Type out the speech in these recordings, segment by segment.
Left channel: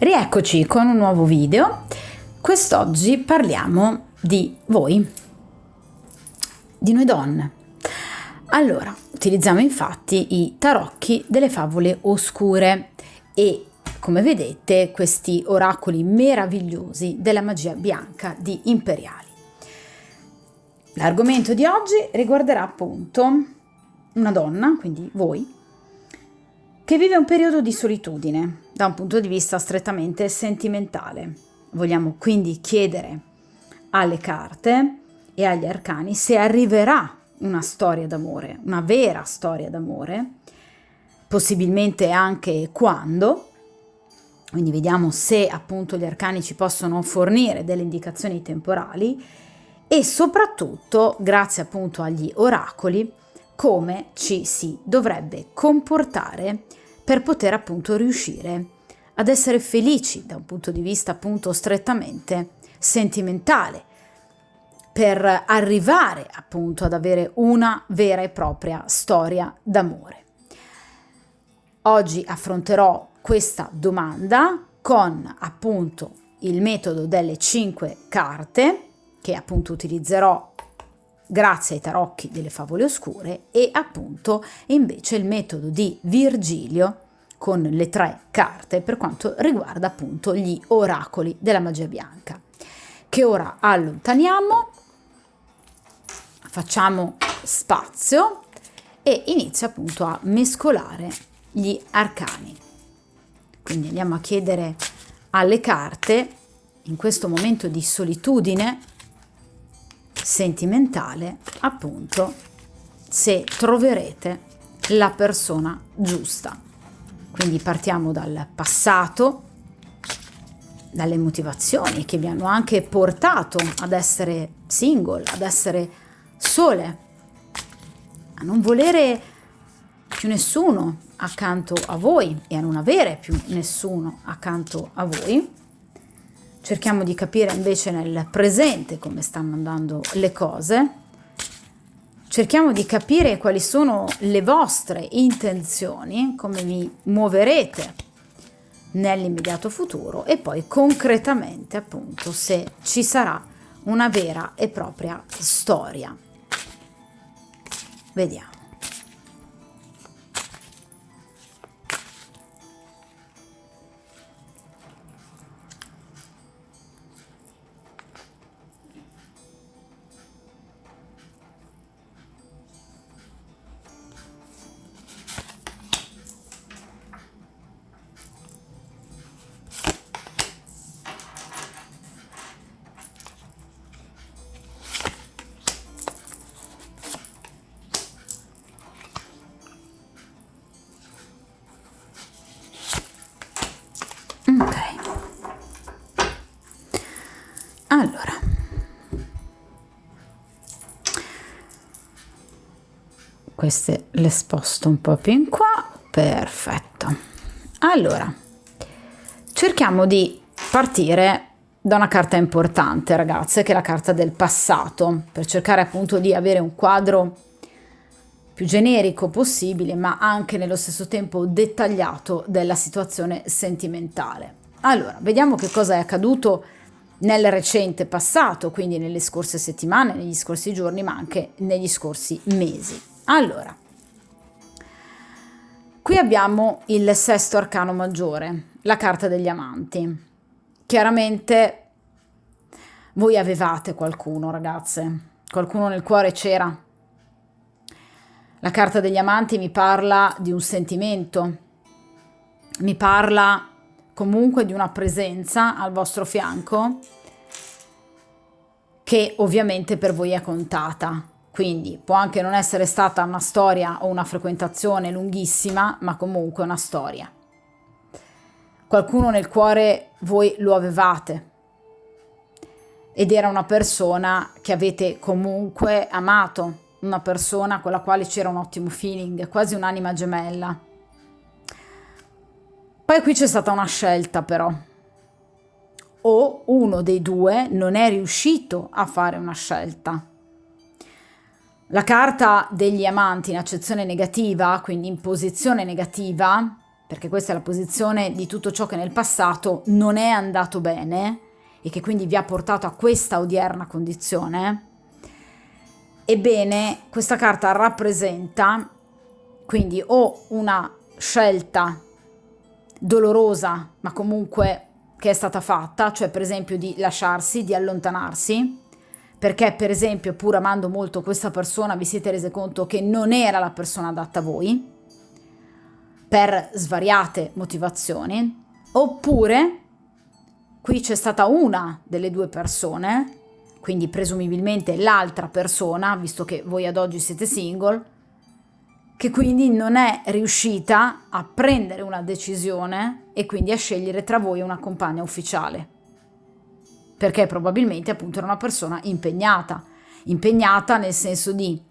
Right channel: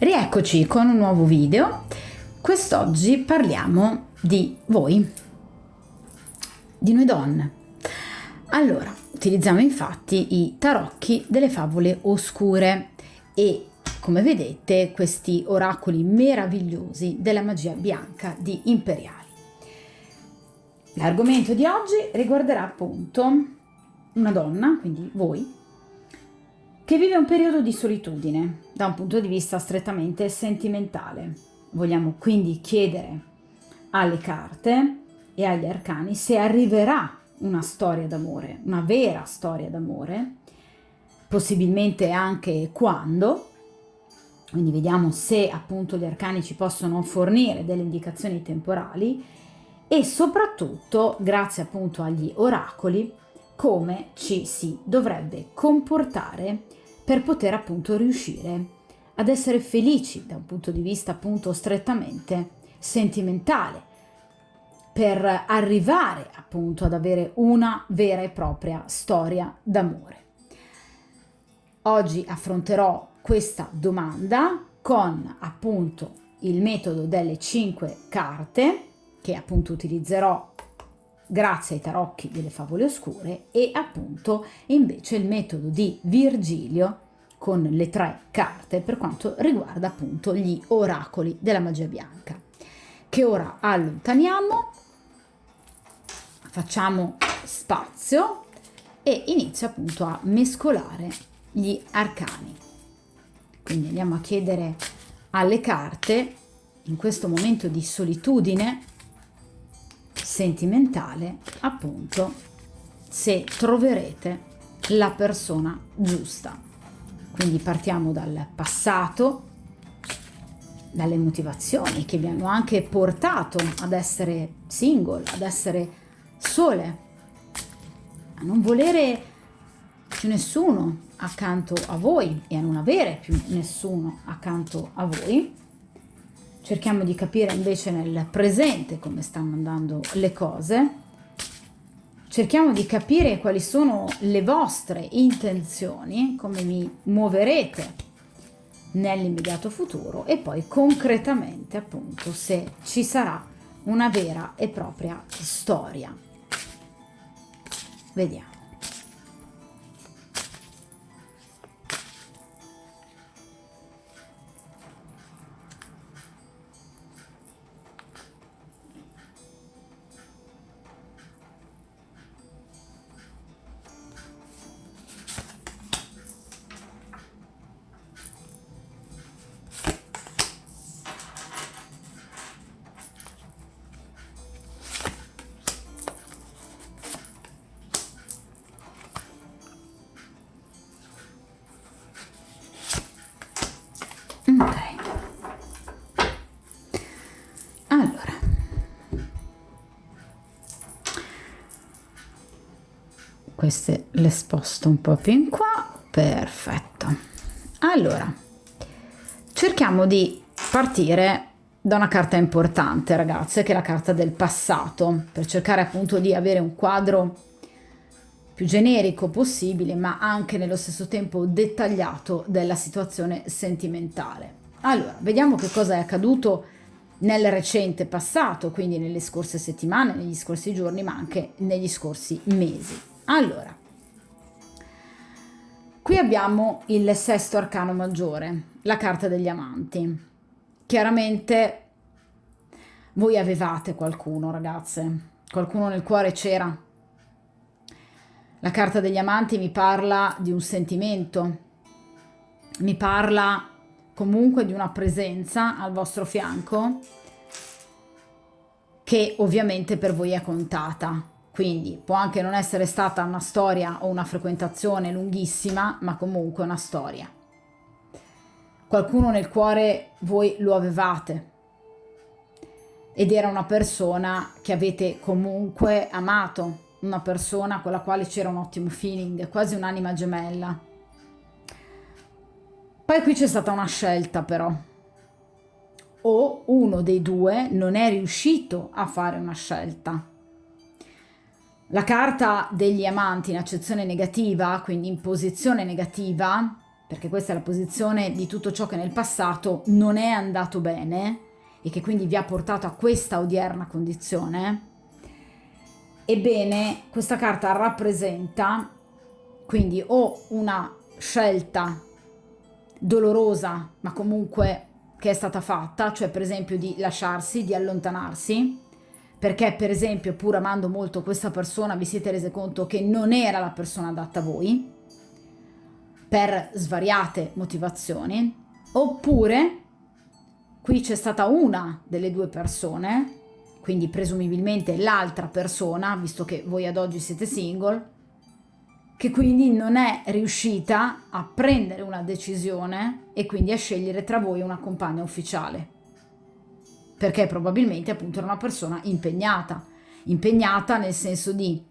Rieccoci con un nuovo video. Quest'oggi parliamo di voi, di noi donne. Allora, utilizziamo infatti i tarocchi delle favole oscure e, come vedete, questi oracoli meravigliosi della magia bianca di Imperiali. L'argomento di oggi riguarderà appunto una donna, quindi voi, che vive un periodo di solitudine da un punto di vista strettamente sentimentale. Vogliamo quindi chiedere alle carte e agli arcani se arriverà una storia d'amore, una vera storia d'amore, possibilmente anche quando. Quindi vediamo se appunto gli arcani ci possono fornire delle indicazioni temporali e soprattutto, grazie appunto agli oracoli, come ci si dovrebbe comportare per poter appunto riuscire ad essere felici da un punto di vista appunto strettamente sentimentale, per arrivare appunto ad avere una vera e propria storia d'amore. Oggi affronterò questa domanda con appunto il metodo delle 5 carte che appunto utilizzerò grazie ai tarocchi delle favole oscure e appunto invece il metodo di Virgilio con le 3 carte per quanto riguarda appunto gli oracoli della magia bianca, che ora allontaniamo, facciamo spazio e inizio appunto a mescolare gli arcani. Quindi andiamo a chiedere alle carte in questo momento di solitudine sentimentale appunto se troverete la persona giusta. Quindi partiamo dal passato, dalle motivazioni che vi hanno anche portato ad essere single, ad essere sole, a non volere più nessuno accanto a voi e a non avere più nessuno accanto a voi. Cerchiamo di capire invece nel presente come stanno andando le cose. Cerchiamo di capire quali sono le vostre intenzioni, come vi muoverete nell'immediato futuro e poi concretamente appunto se ci sarà una vera e propria storia. Vediamo. Ok, allora queste le sposto un po' più in qua, perfetto. Allora cerchiamo di partire da una carta importante, ragazze, che è la carta del passato, per cercare appunto di avere un quadro più generico possibile, ma anche nello stesso tempo dettagliato della situazione sentimentale. Allora, vediamo che cosa è accaduto nel recente passato, quindi nelle scorse settimane, negli scorsi giorni, ma anche negli scorsi mesi. Allora, qui abbiamo il sesto arcano maggiore, la carta degli amanti. Chiaramente voi avevate qualcuno, ragazze, qualcuno nel cuore c'era. La carta degli amanti mi parla di un sentimento, mi parla comunque di una presenza al vostro fianco che ovviamente per voi è contata. Quindi può anche non essere stata una storia o una frequentazione lunghissima, ma comunque una storia. Qualcuno nel cuore voi lo avevate ed era una persona che avete comunque amato, una persona con la quale c'era un ottimo feeling, quasi un'anima gemella. Poi qui c'è stata una scelta però, o uno dei due non è riuscito a fare una scelta. La carta degli amanti in accezione negativa, quindi in posizione negativa, perché questa è la posizione di tutto ciò che nel passato non è andato bene e che quindi vi ha portato a questa odierna condizione, ebbene questa carta rappresenta quindi o una scelta dolorosa ma comunque che è stata fatta, cioè per esempio di lasciarsi, di allontanarsi, perché per esempio pur amando molto questa persona vi siete resi conto che non era la persona adatta a voi per svariate motivazioni, oppure qui c'è stata una delle due persone, quindi presumibilmente l'altra persona, visto che voi ad oggi siete single, che quindi non è riuscita a prendere una decisione e quindi a scegliere tra voi una compagna ufficiale, perché probabilmente appunto era una persona impegnata nel senso di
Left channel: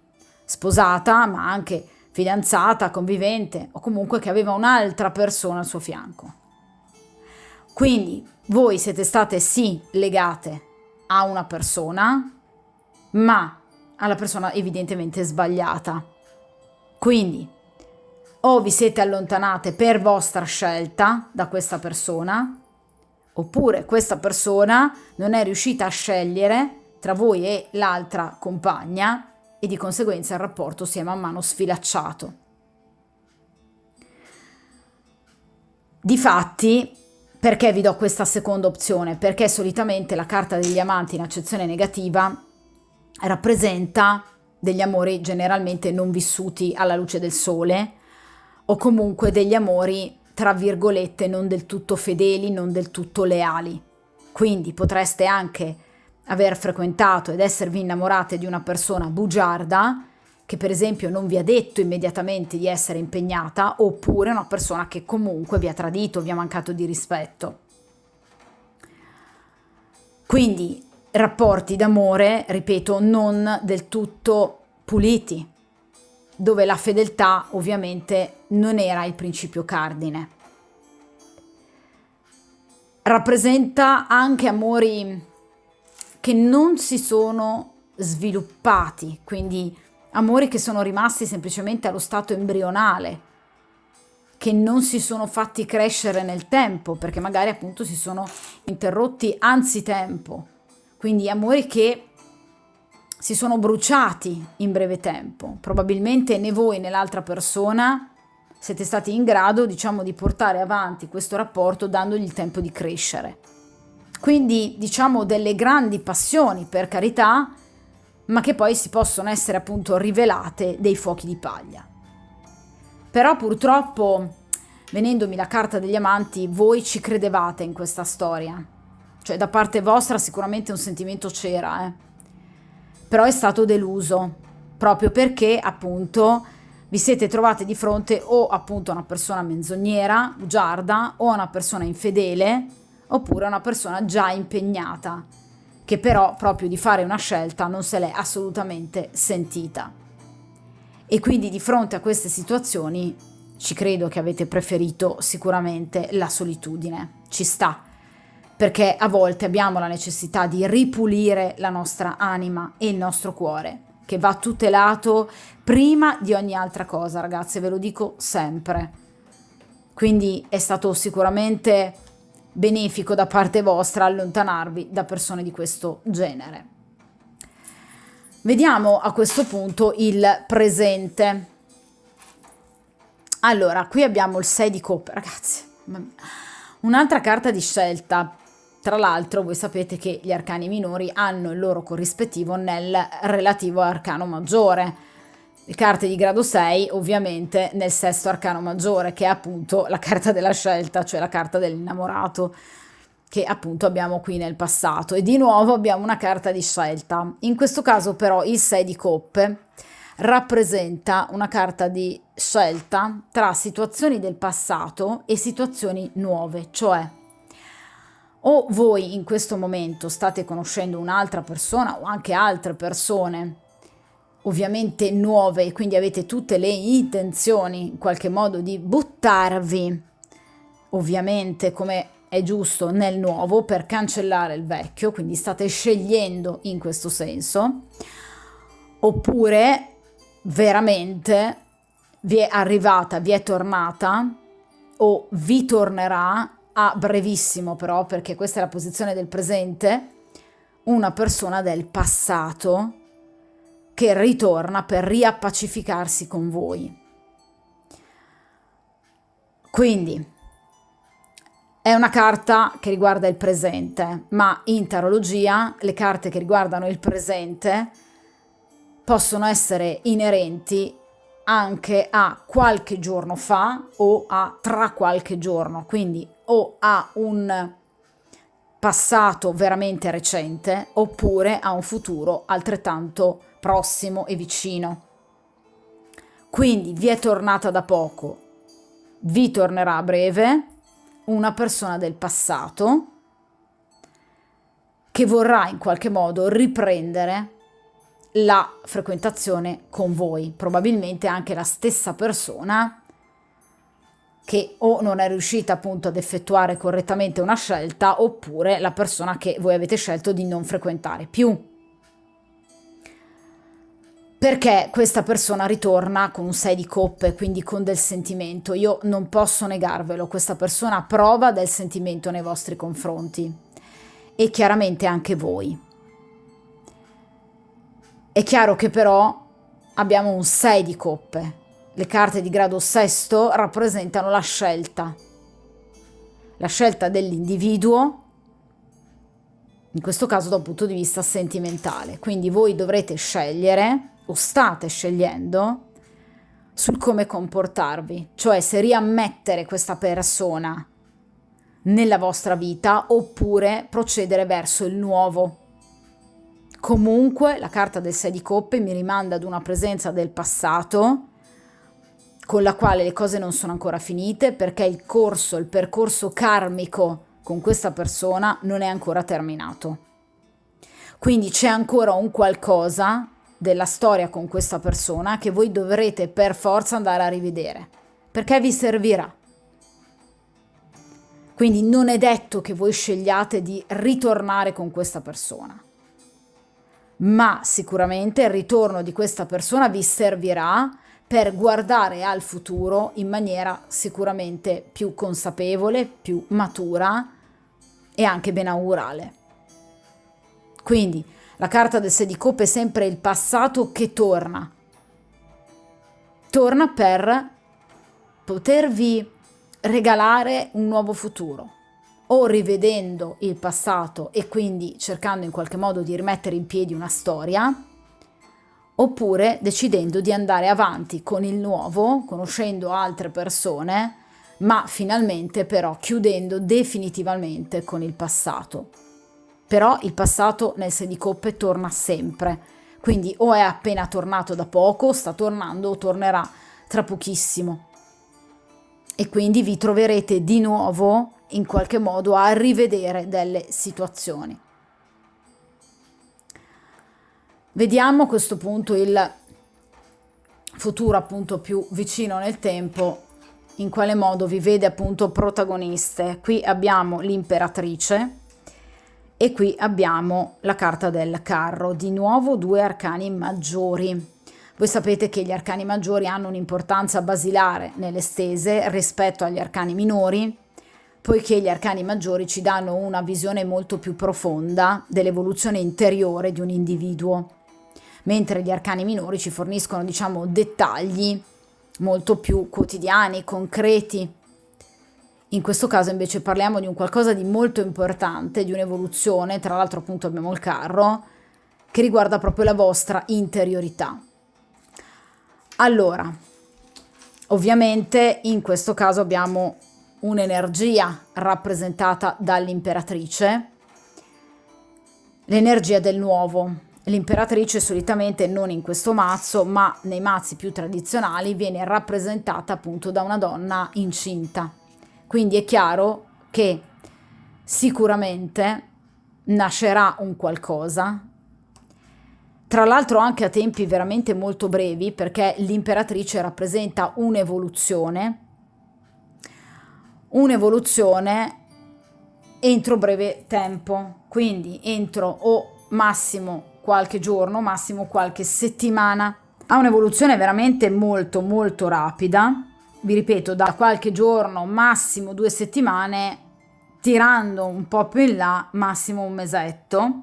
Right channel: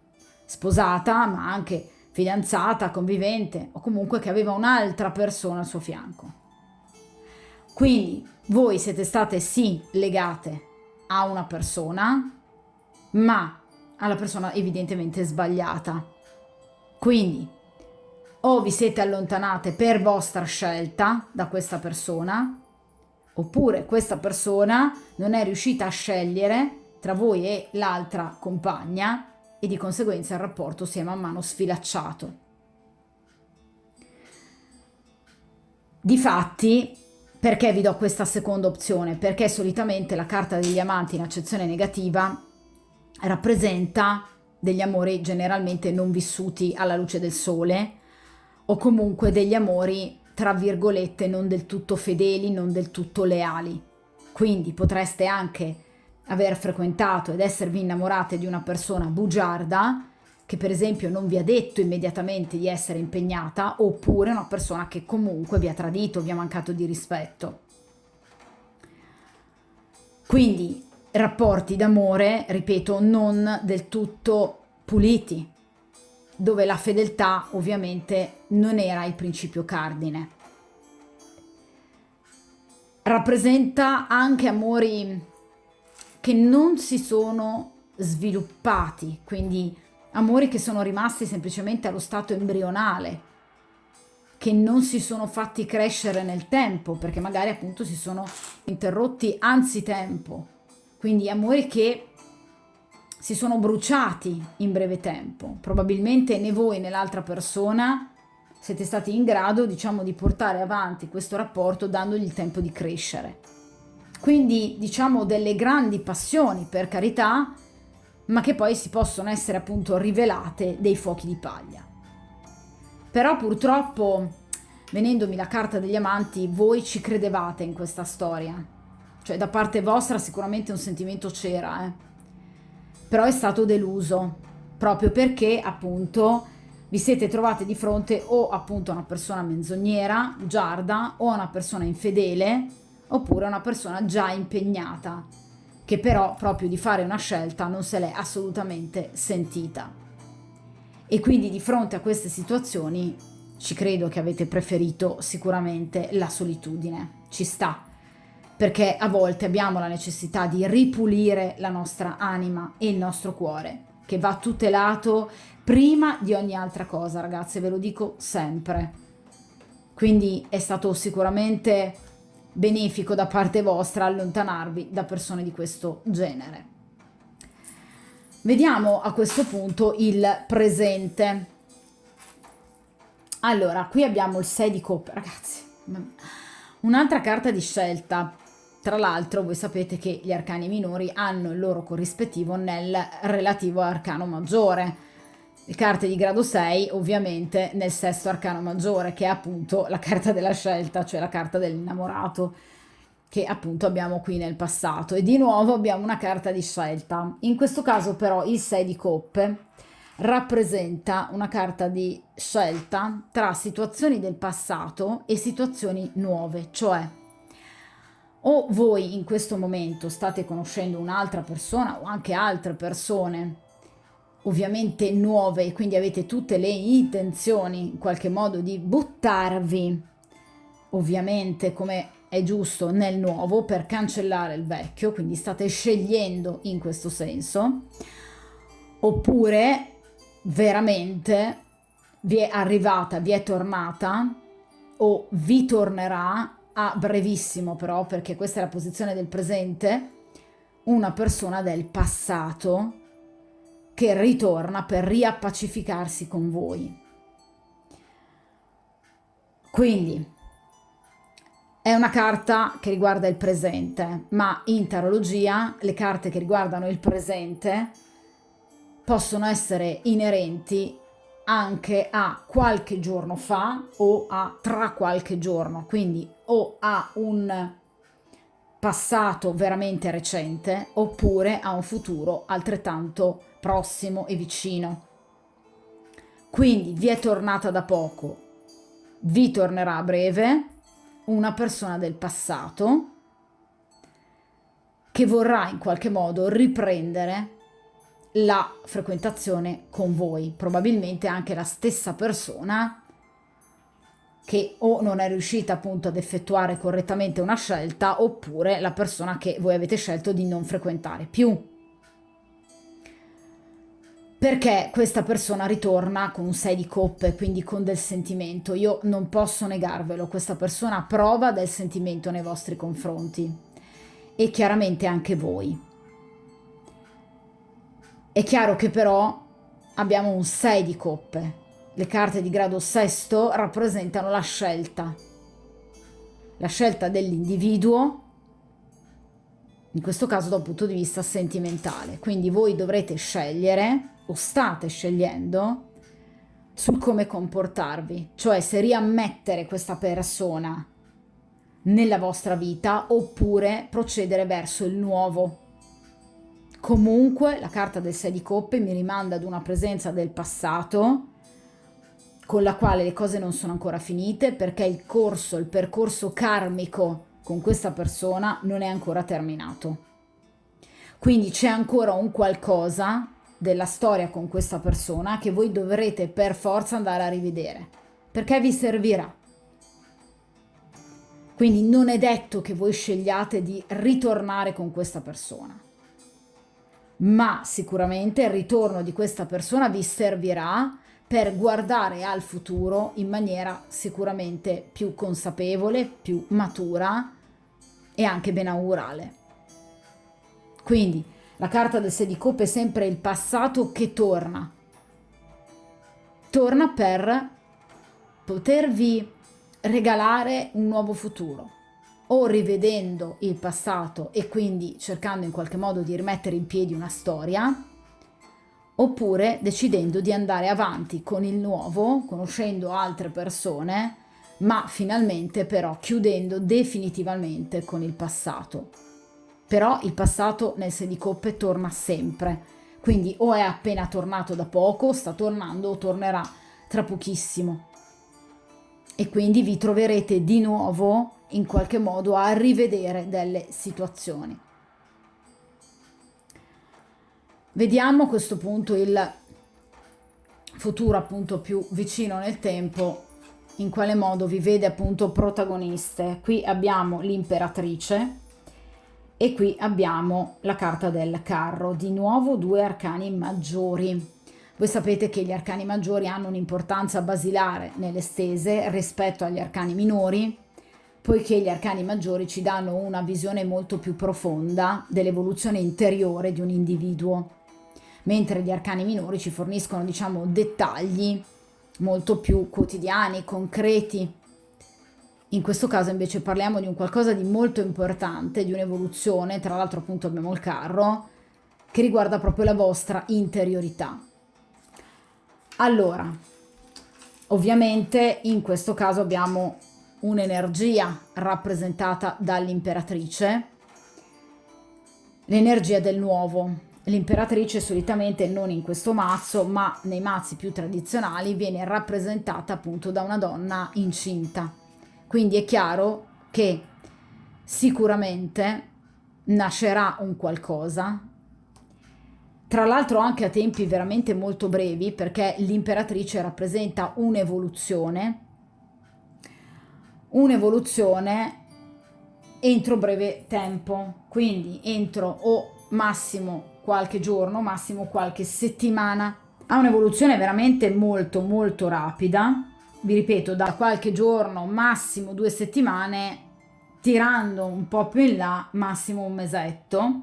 sposata, ma anche fidanzata, convivente, o comunque che aveva un'altra persona al suo fianco. Quindi voi siete state sì legate a una persona, ma alla persona evidentemente sbagliata. Quindi o vi siete allontanate per vostra scelta da questa persona, oppure questa persona non è riuscita a scegliere tra voi e l'altra compagna e di conseguenza il rapporto si è man mano sfilacciato. Difatti, perché vi do questa seconda opzione? Perché solitamente la carta degli amanti in accezione negativa rappresenta degli amori generalmente non vissuti alla luce del sole, o comunque degli amori tra virgolette non del tutto fedeli, non del tutto leali. Quindi potreste anche aver frequentato ed esservi innamorate di una persona bugiarda che per esempio non vi ha detto immediatamente di essere impegnata, oppure una persona che comunque vi ha tradito, vi ha mancato di rispetto. Quindi rapporti d'amore, ripeto, non del tutto puliti, dove la fedeltà ovviamente non era il principio cardine. Rappresenta anche amori che non si sono sviluppati, quindi amori che sono rimasti semplicemente allo stato embrionale, che non si sono fatti crescere nel tempo, perché magari appunto si sono interrotti anzitempo. Quindi amori che si sono bruciati in breve tempo. Probabilmente né voi né l'altra persona siete stati in grado, diciamo, di portare avanti questo rapporto dandogli il tempo di crescere. Quindi, diciamo, delle grandi passioni, per carità, ma che poi si possono essere appunto rivelate dei fuochi di paglia. Però purtroppo, venendomi la carta degli amanti, voi ci credevate in questa storia. Cioè da parte vostra sicuramente un sentimento c'era, però è stato deluso, proprio perché appunto vi siete trovate di fronte o appunto a una persona menzognera, bugiarda, o a una persona infedele, oppure a una persona già impegnata, che però proprio di fare una scelta non se l'è assolutamente sentita. E quindi di fronte a queste situazioni ci credo che avete preferito sicuramente la solitudine, ci sta. Perché a volte abbiamo la necessità di ripulire la nostra anima e il nostro cuore, che va tutelato prima di ogni altra cosa, ragazze, ve lo dico sempre. Quindi è stato sicuramente benefico da parte vostra allontanarvi da persone di questo genere. Vediamo a questo punto il presente. Allora, qui abbiamo il 6 di coppe, ragazzi. Un'altra carta di scelta. Tra l'altro voi sapete che gli arcani minori hanno il loro corrispettivo nel relativo arcano maggiore. Le carte di grado 6 ovviamente nel sesto arcano maggiore, che è appunto la carta della scelta, cioè la carta dell'innamorato, che appunto abbiamo qui nel passato. E di nuovo abbiamo una carta di scelta. In questo caso però il 6 di coppe rappresenta una carta di scelta tra situazioni del passato e situazioni nuove, cioè o voi in questo momento state conoscendo un'altra persona o anche altre persone, ovviamente nuove, e quindi avete tutte le intenzioni in qualche modo di buttarvi, ovviamente come è giusto, nel nuovo per cancellare il vecchio, quindi state scegliendo in questo senso, oppure veramente vi è arrivata, vi è tornata o vi tornerà a brevissimo, però, perché questa è la posizione del presente, una persona del passato che ritorna per riappacificarsi con voi. Quindi è una carta che riguarda il presente, ma in tarologia le carte che riguardano il presente possono essere inerenti anche a qualche giorno fa o a tra qualche giorno, quindi o a un passato veramente recente oppure a un futuro altrettanto prossimo e vicino. Quindi vi è tornata da poco, vi tornerà a breve una persona del passato che vorrà in qualche modo riprendere la frequentazione con voi, probabilmente anche la stessa persona che o non è riuscita appunto ad effettuare correttamente una scelta oppure la persona che voi avete scelto di non frequentare più. Perché questa persona ritorna con un 6 di coppe, quindi con del sentimento. Io non posso negarvelo, questa persona prova del sentimento nei vostri confronti e chiaramente anche voi. È chiaro che però abbiamo un 6 di coppe. Le carte di grado sesto rappresentano la scelta dell'individuo, in questo caso da un punto di vista sentimentale. Quindi voi dovrete scegliere, o state scegliendo, sul come comportarvi, cioè se riammettere questa persona nella vostra vita oppure procedere verso il nuovo. Comunque la carta del 6 di coppe mi rimanda ad una presenza del passato con la quale le cose non sono ancora finite, perché il percorso karmico con questa persona non è ancora terminato. Quindi c'è ancora un qualcosa della storia con questa persona che voi dovrete per forza andare a rivedere, perché vi servirà. Quindi non è detto che voi scegliate di ritornare con questa persona, ma sicuramente il ritorno di questa persona vi servirà per guardare al futuro in maniera sicuramente più consapevole, più matura e anche benaurale. Quindi la carta del 6 di coppe è sempre il passato che torna per potervi regalare un nuovo futuro, o rivedendo il passato e quindi cercando in qualche modo di rimettere in piedi una storia, oppure decidendo di andare avanti con il nuovo, conoscendo altre persone, ma finalmente però chiudendo definitivamente con il passato. Però il passato nel 6 di coppe torna sempre, quindi o è appena tornato da poco, sta tornando o tornerà tra pochissimo. E quindi vi troverete di nuovo in qualche modo a rivedere delle situazioni. Vediamo a questo punto il futuro appunto più vicino nel tempo, in quale modo vi vede appunto protagoniste. Qui abbiamo l'imperatrice e qui abbiamo la carta del carro, di nuovo due arcani maggiori. Voi sapete che gli arcani maggiori hanno un'importanza basilare nelle stese rispetto agli arcani minori, poiché gli arcani maggiori ci danno una visione molto più profonda dell'evoluzione interiore di un individuo, mentre gli arcani minori ci forniscono, diciamo, dettagli molto più quotidiani, concreti. In questo caso invece parliamo di un qualcosa di molto importante, di un'evoluzione, tra l'altro appunto abbiamo il carro, che riguarda proprio la vostra interiorità. Allora, ovviamente in questo caso abbiamo un'energia rappresentata dall'imperatrice, l'energia del nuovo. L'imperatrice solitamente non in questo mazzo, ma nei mazzi più tradizionali viene rappresentata appunto da una donna incinta. Quindi è chiaro che sicuramente nascerà un qualcosa, tra l'altro anche a tempi veramente molto brevi, perché l'imperatrice rappresenta un'evoluzione entro breve tempo, quindi entro o massimo qualche giorno, massimo qualche settimana. Ha un'evoluzione veramente molto molto rapida vi ripeto, da qualche giorno, massimo 2 settimane, tirando un po' più in là, massimo un mesetto.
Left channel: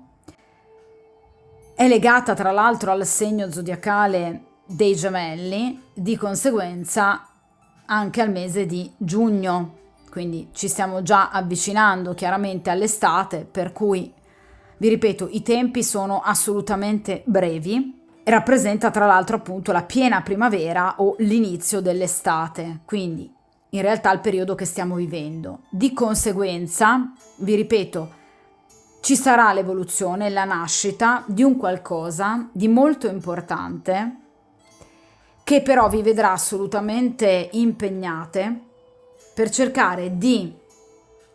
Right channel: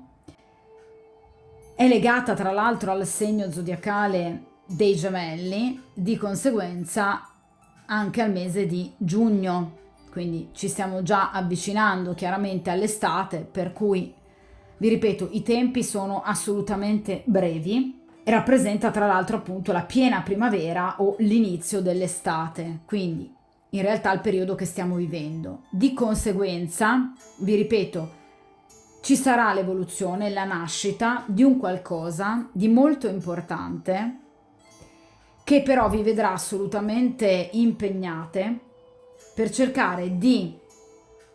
È legata tra l'altro al segno zodiacale dei Gemelli, di conseguenza anche al mese di giugno, quindi ci stiamo già avvicinando chiaramente all'estate, per cui vi ripeto, i tempi sono assolutamente brevi e rappresenta tra l'altro appunto la piena primavera o l'inizio dell'estate, quindi in realtà il periodo che stiamo vivendo. Di conseguenza, vi ripeto, ci sarà l'evoluzione, la nascita di un qualcosa di molto importante che però vi vedrà assolutamente impegnate per cercare di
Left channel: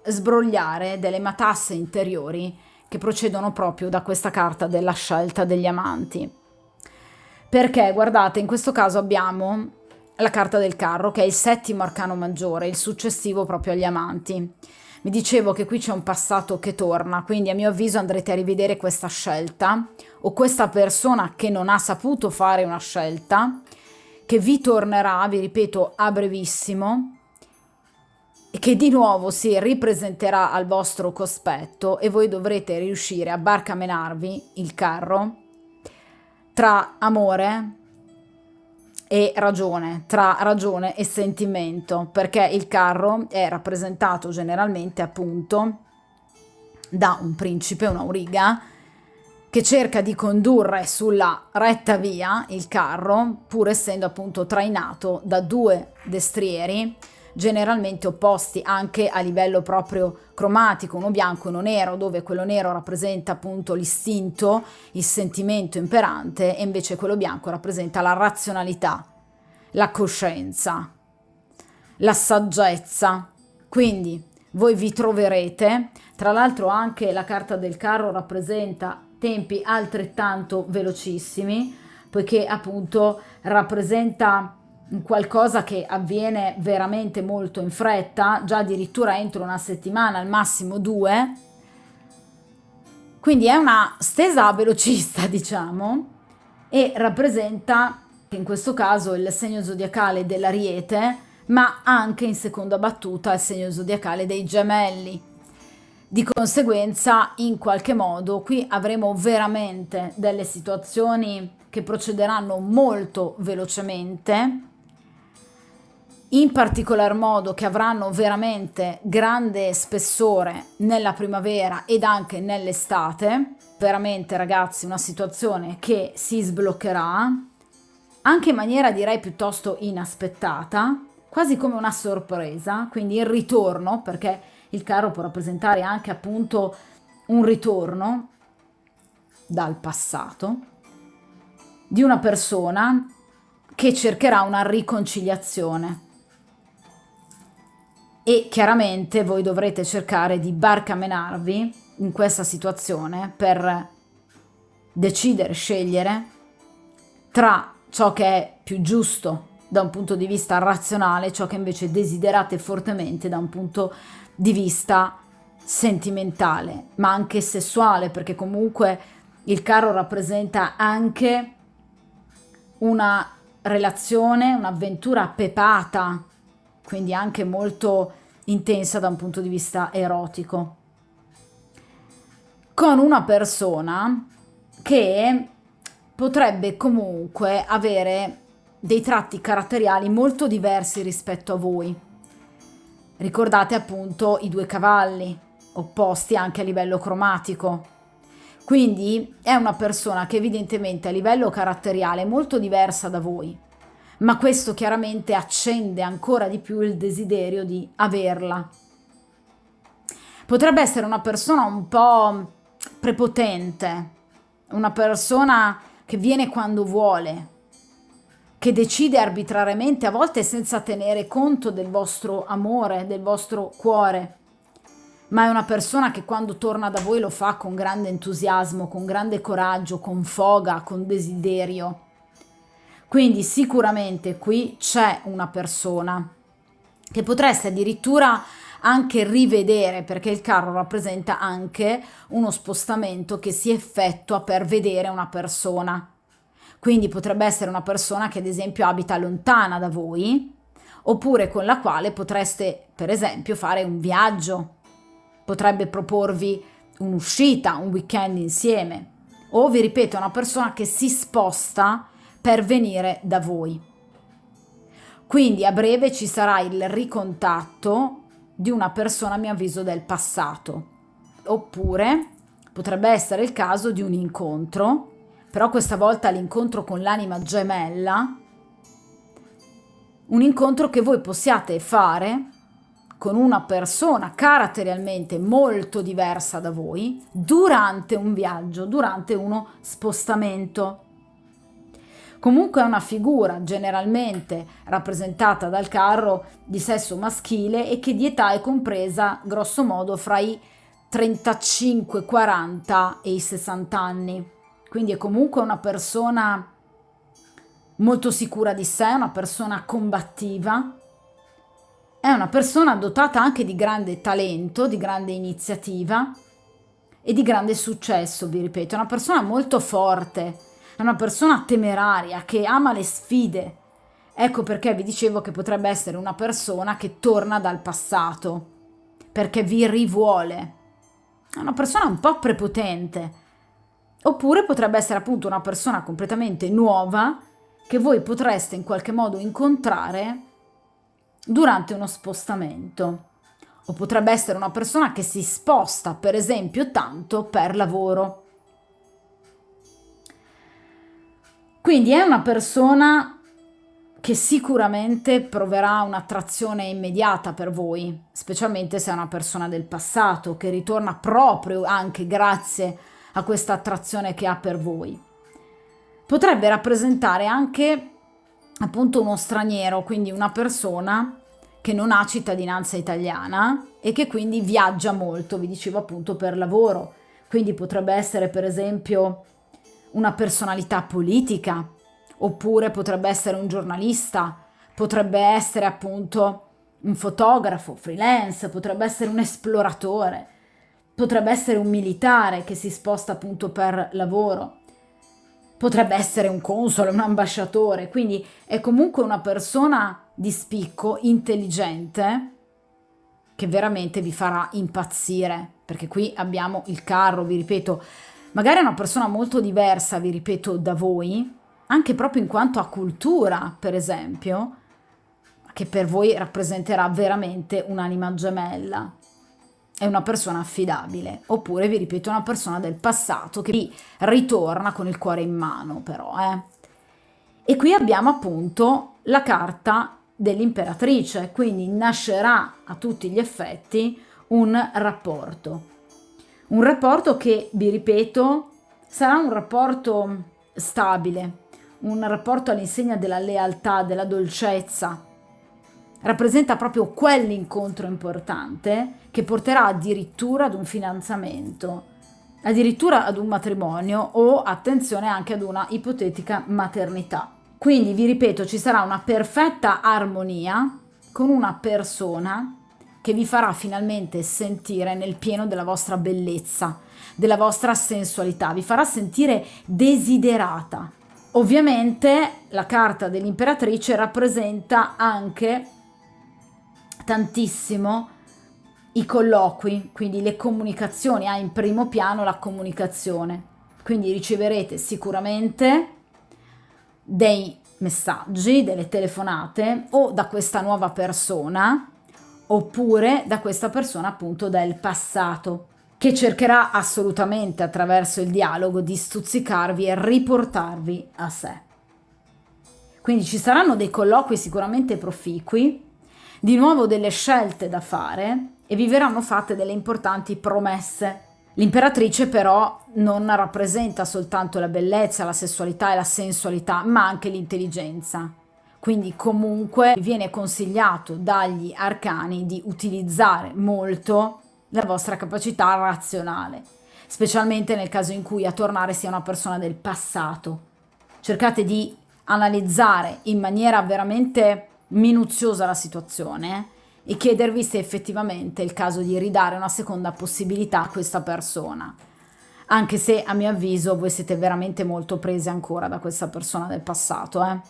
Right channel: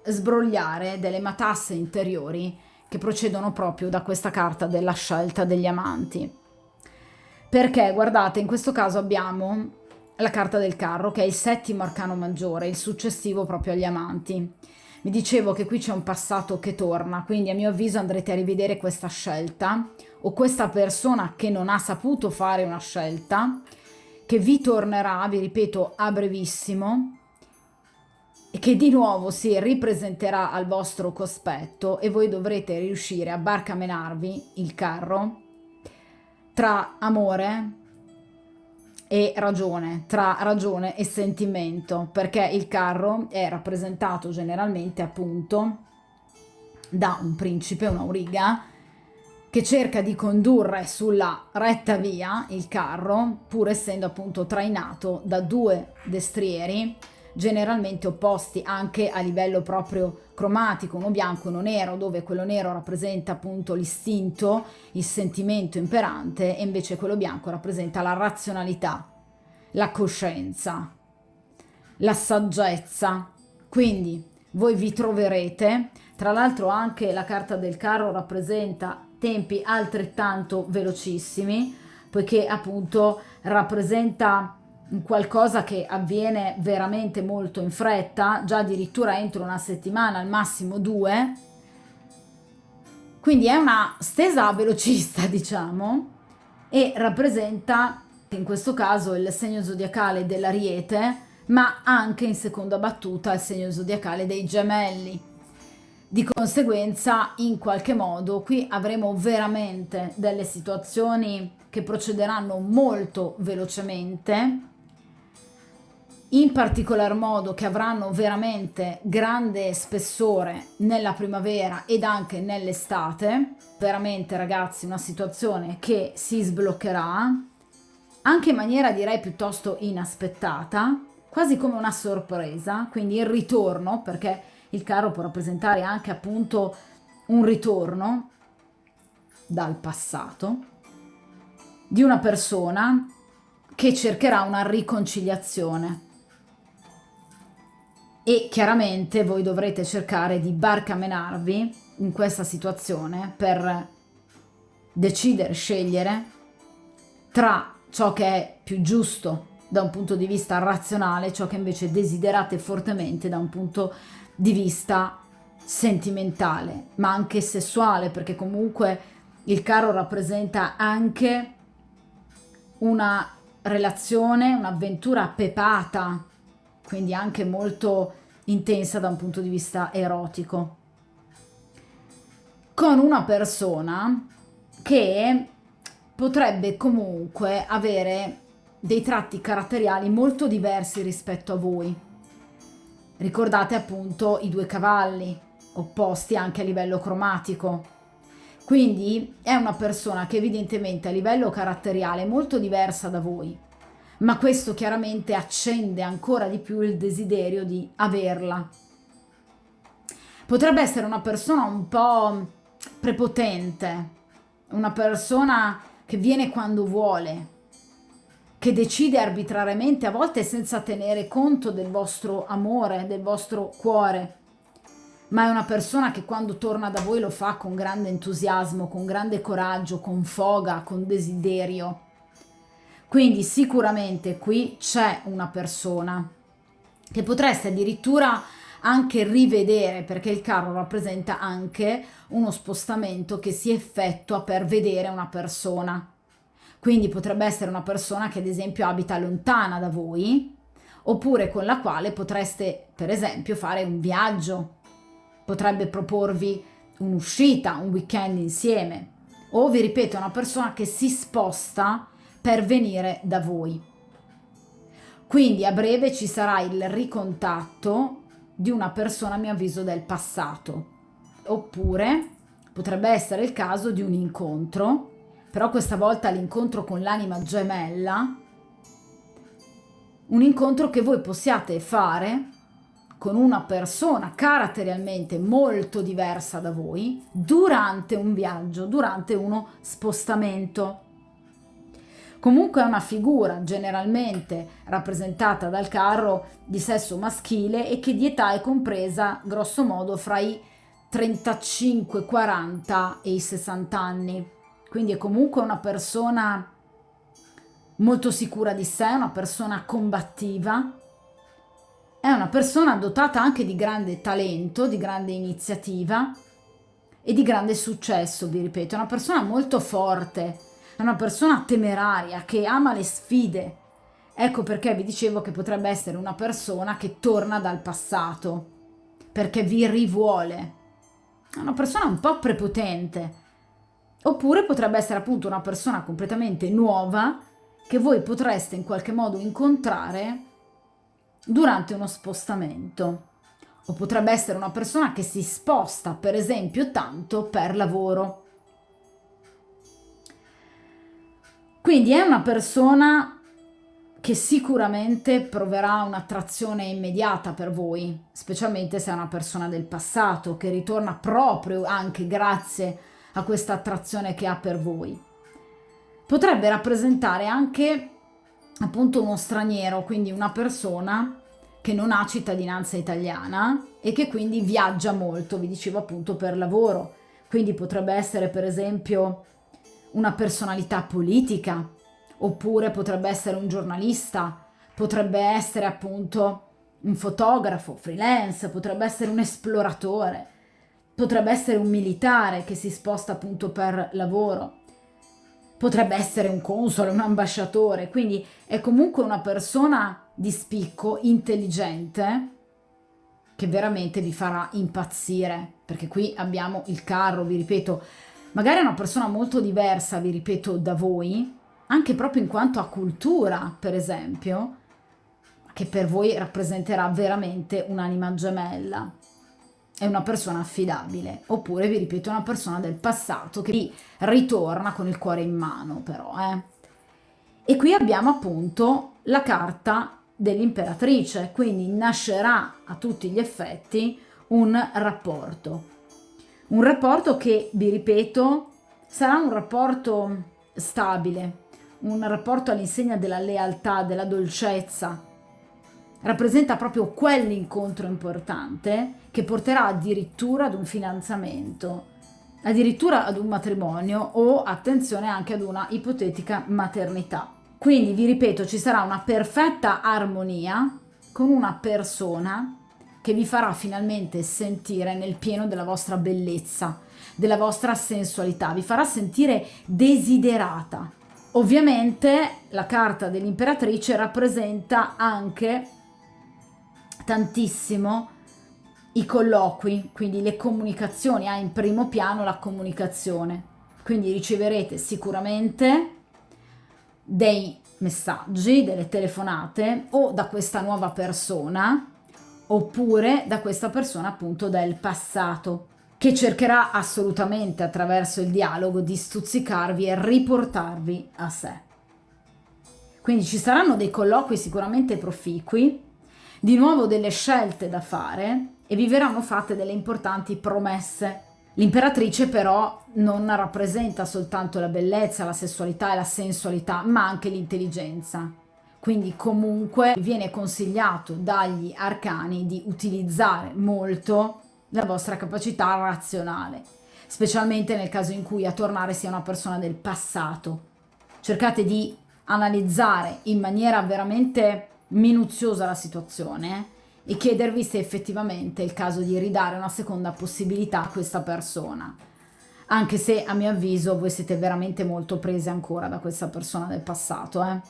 sbrogliare delle matasse interiori che procedono proprio da questa carta della scelta degli amanti. Perché guardate, in questo caso abbiamo la carta del carro, che è il settimo arcano maggiore, il successivo proprio agli amanti. Vi dicevo che qui c'è un passato che torna, quindi a mio avviso andrete a rivedere questa scelta o questa persona che non ha saputo fare una scelta, che vi tornerà, vi ripeto, a brevissimo, e che di nuovo si ripresenterà al vostro cospetto e voi dovrete riuscire a barcamenarvi il carro tra amore e ragione, tra ragione e sentimento, perché il carro è rappresentato generalmente appunto da un principe, un'auriga, che cerca di condurre sulla retta via il carro, pur essendo appunto trainato da due destrieri, generalmente opposti anche a livello proprio cromatico, uno bianco e uno nero, dove quello nero rappresenta appunto l'istinto, il sentimento imperante, e invece quello bianco rappresenta la razionalità, la coscienza, la saggezza. Quindi voi vi troverete, tra l'altro anche la carta del carro rappresenta tempi altrettanto velocissimi, poiché appunto rappresenta qualcosa che avviene veramente molto in fretta, già addirittura entro una settimana, al massimo 2, quindi è una stesa velocista, diciamo, e rappresenta in questo caso il segno zodiacale dell'Ariete, ma anche in seconda battuta il segno zodiacale dei Gemelli. Di conseguenza, in qualche modo, qui avremo veramente delle situazioni che procederanno molto velocemente, in particolar modo che avranno veramente grande spessore nella primavera ed anche nell'estate. Veramente, ragazzi, una situazione che si sbloccherà anche in maniera direi piuttosto inaspettata, quasi come una sorpresa, quindi il ritorno, perché il carro può rappresentare anche appunto un ritorno dal passato di una persona che cercherà una riconciliazione. E chiaramente voi dovrete cercare di barcamenarvi in questa situazione per decidere, scegliere tra ciò che è più giusto da un punto di vista razionale, ciò che invece desiderate fortemente da un punto di vista sentimentale, ma anche sessuale, perché comunque il carro rappresenta anche una relazione, un'avventura pepata, quindi anche molto intensa da un punto di vista erotico, con una persona che potrebbe comunque avere dei tratti caratteriali molto diversi rispetto a voi. Ricordate appunto i due cavalli, opposti anche a livello cromatico. Quindi è una persona che evidentemente a livello caratteriale è molto diversa da voi, ma questo chiaramente accende ancora di più il desiderio di averla. Potrebbe essere una persona un po' prepotente, una persona che viene quando vuole, che decide arbitrariamente, a volte senza tenere conto del vostro amore, del vostro cuore, ma è una persona che quando torna da voi lo fa con grande entusiasmo, con grande coraggio, con foga, con desiderio. Quindi sicuramente qui c'è una persona che potreste addirittura anche rivedere, perché il carro rappresenta anche uno spostamento che si effettua per vedere una persona. Quindi potrebbe essere una persona che ad esempio abita lontana da voi, oppure con la quale potreste, per esempio, fare un viaggio, potrebbe proporvi un'uscita, un weekend insieme, o vi ripeto, è una persona che si sposta per venire da voi. Quindi a breve ci sarà il ricontatto di una persona, a mio avviso, del passato, oppure potrebbe essere il caso di un incontro, però questa volta l'incontro con l'anima gemella, un incontro che voi possiate fare con una persona caratterialmente molto diversa da voi durante un viaggio, durante uno spostamento. Comunque è una figura generalmente rappresentata dal carro di sesso maschile e che di età è compresa grosso modo fra i 35, 40 e i 60 anni. Quindi è comunque una persona molto sicura di sé, una persona combattiva, è una persona dotata anche di grande talento, di grande iniziativa e di grande successo, vi ripeto, è una persona molto forte, è una persona temeraria che ama le sfide. Ecco perché vi dicevo che potrebbe essere una persona che torna dal passato, perché vi rivuole. È una persona un po' prepotente. Oppure potrebbe essere appunto una persona completamente nuova che voi potreste in qualche modo incontrare durante uno spostamento. O potrebbe essere una persona che si sposta, per esempio, tanto per lavoro. Quindi è una persona che sicuramente proverà un'attrazione immediata per voi, specialmente se è una persona del passato, che ritorna proprio anche grazie a questa attrazione che ha per voi. Potrebbe rappresentare anche appunto uno straniero, quindi una persona che non ha cittadinanza italiana e che quindi viaggia molto, vi dicevo appunto per lavoro. Quindi potrebbe essere per esempio una personalità politica, oppure potrebbe essere un giornalista, potrebbe essere appunto un fotografo, freelance, potrebbe essere un esploratore, potrebbe essere un militare che si sposta appunto per lavoro, potrebbe essere un console, un ambasciatore, quindi è comunque una persona di spicco, intelligente, che veramente vi farà impazzire, perché qui abbiamo il carro, vi ripeto, magari è una persona molto diversa, vi ripeto, da voi, anche proprio in quanto a cultura, per esempio, che per voi rappresenterà veramente un'anima gemella. È una persona affidabile, oppure vi ripeto, una persona del passato che ritorna con il cuore in mano, però. E qui abbiamo appunto la carta dell'imperatrice, quindi nascerà a tutti gli effetti un rapporto che, vi ripeto, sarà un rapporto stabile, un rapporto all'insegna della lealtà, della dolcezza. Rappresenta proprio quell'incontro importante che porterà addirittura ad un fidanzamento, addirittura ad un matrimonio o, attenzione, anche ad una ipotetica maternità. Quindi, vi ripeto, ci sarà una perfetta armonia con una persona che vi farà finalmente sentire nel pieno della vostra bellezza, della vostra sensualità, vi farà sentire desiderata. Ovviamente la carta dell'imperatrice rappresenta anche tantissimo i colloqui, quindi le comunicazioni, ha in primo piano la comunicazione, quindi riceverete sicuramente dei messaggi, delle telefonate o da questa nuova persona oppure da questa persona appunto del passato, che cercherà assolutamente attraverso il dialogo di stuzzicarvi e riportarvi a sé. Quindi ci saranno dei colloqui sicuramente proficui, di nuovo delle scelte da fare e vi verranno fatte delle importanti promesse. L'imperatrice però non rappresenta soltanto la bellezza, la sessualità e la sensualità, ma anche l'intelligenza. Quindi comunque viene consigliato dagli arcani di utilizzare molto la vostra capacità razionale, specialmente nel caso in cui a tornare sia una persona del passato. Cercate di analizzare in maniera veramente minuziosa la situazione e chiedervi se effettivamente è il caso di ridare una seconda possibilità a questa persona, anche se a mio avviso voi siete veramente molto presi ancora da questa persona del passato.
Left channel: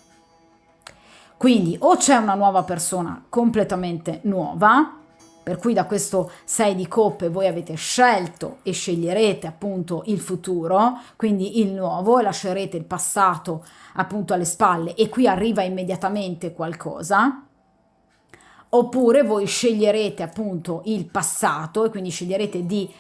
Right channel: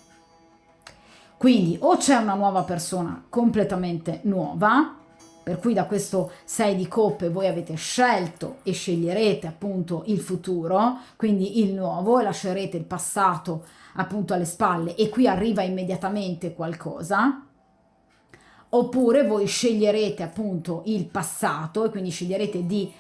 Quindi o c'è una nuova persona completamente nuova, per cui da questo 6 di coppe voi avete scelto e sceglierete appunto il futuro, quindi il nuovo, e lascerete il passato appunto alle spalle, e qui arriva immediatamente qualcosa. Oppure voi sceglierete appunto il passato e quindi sceglierete di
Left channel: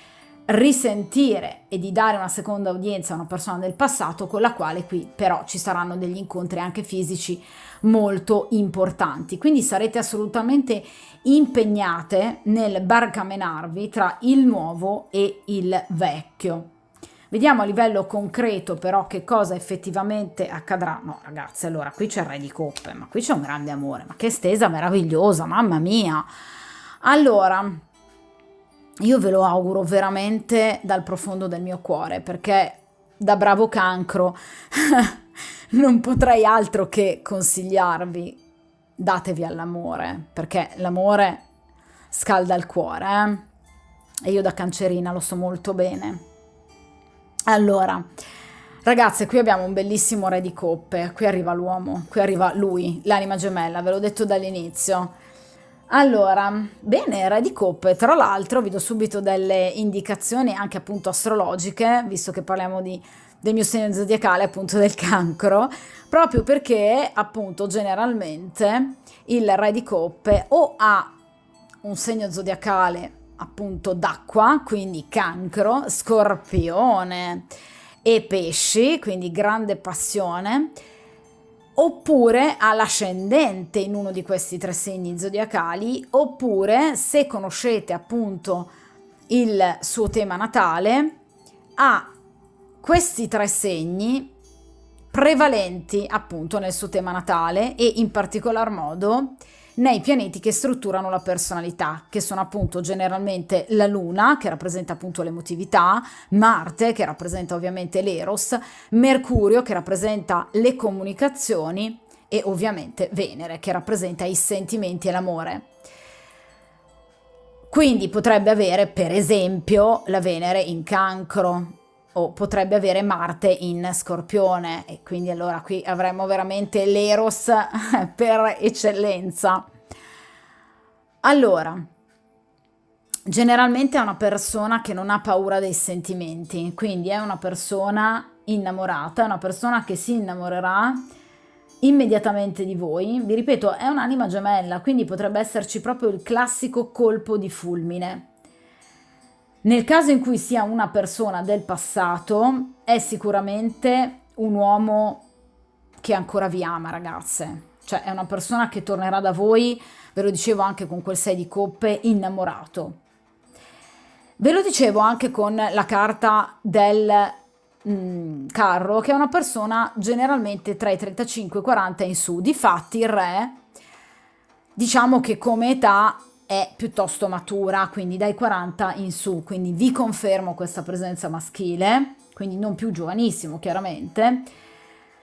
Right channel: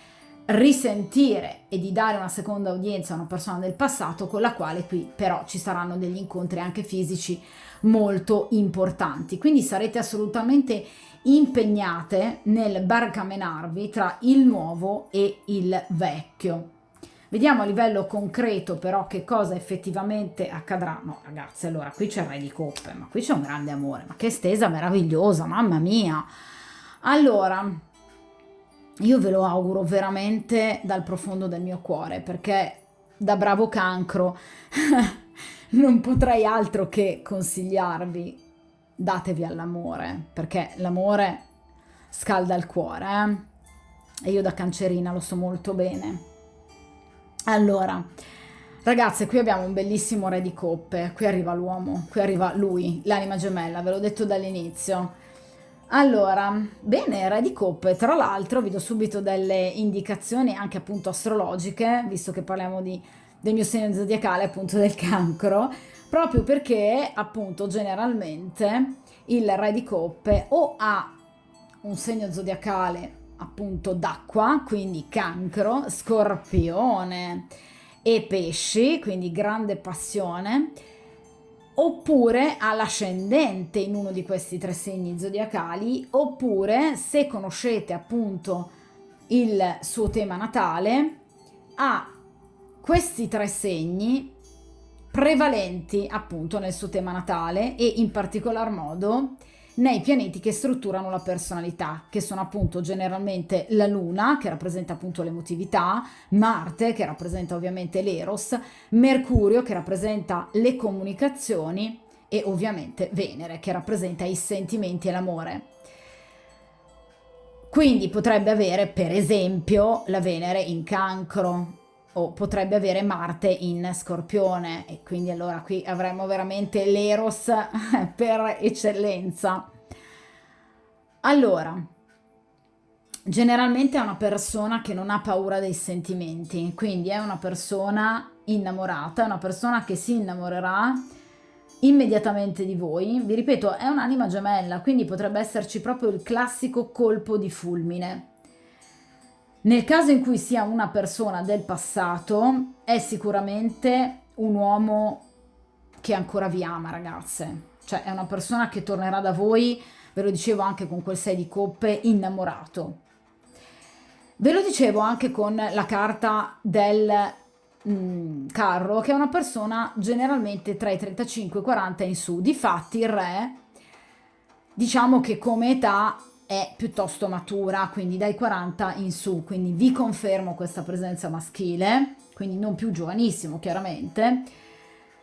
risentire e di dare una seconda udienza a una persona del passato, con la quale qui però ci saranno degli incontri anche fisici molto importanti. Quindi sarete assolutamente impegnate nel barcamenarvi tra il nuovo e il vecchio. Vediamo a livello concreto però che cosa effettivamente accadrà. No ragazzi, allora qui c'è il Re di Coppe, ma qui c'è un grande amore, ma che stesa meravigliosa, mamma mia. Allora, io ve lo auguro veramente dal profondo del mio cuore, perché da bravo cancro non potrei altro che consigliarvi: datevi all'amore, perché l'amore scalda il cuore, e io da cancerina lo so molto bene. Allora, ragazze, qui abbiamo un bellissimo Re di Coppe, qui arriva l'uomo, qui arriva lui, l'anima gemella, ve l'ho detto dall'inizio. Allora, bene, Re di Coppe, tra l'altro vi do subito delle indicazioni anche appunto astrologiche, visto che parliamo del mio segno zodiacale, appunto del cancro, proprio perché appunto generalmente il Re di Coppe o ha un segno zodiacale appunto d'acqua, quindi cancro, scorpione e pesci, quindi grande passione, oppure ha l'ascendente in uno di questi tre segni zodiacali, oppure se conoscete appunto il suo tema natale, ha questi tre segni prevalenti appunto nel suo tema natale, e in particolar modo nei pianeti che strutturano la personalità, che sono appunto generalmente la Luna, che rappresenta appunto l'emotività, Marte, che rappresenta ovviamente l'Eros, Mercurio, che rappresenta le comunicazioni, e ovviamente Venere, che rappresenta i sentimenti e l'amore. Quindi potrebbe avere, per esempio, la Venere in Cancro, o potrebbe avere Marte in Scorpione, e quindi allora qui avremo veramente l'Eros per eccellenza. Allora, generalmente è una persona che non ha paura dei sentimenti, quindi è una persona innamorata, è una persona che si innamorerà immediatamente di voi. Vi ripeto, è un'anima gemella, quindi potrebbe esserci proprio il classico colpo di fulmine. Nel caso in cui sia una persona del passato, è sicuramente un uomo che ancora vi ama, ragazze. Cioè è una persona che tornerà da voi, ve lo dicevo anche con quel 6 di coppe, innamorato. Ve lo dicevo anche con la carta del carro, che è una persona generalmente tra i 35 e i 40 in su. Difatti il re, diciamo che come età è piuttosto matura, quindi dai 40 in su, quindi vi confermo questa presenza maschile, quindi non più giovanissimo chiaramente,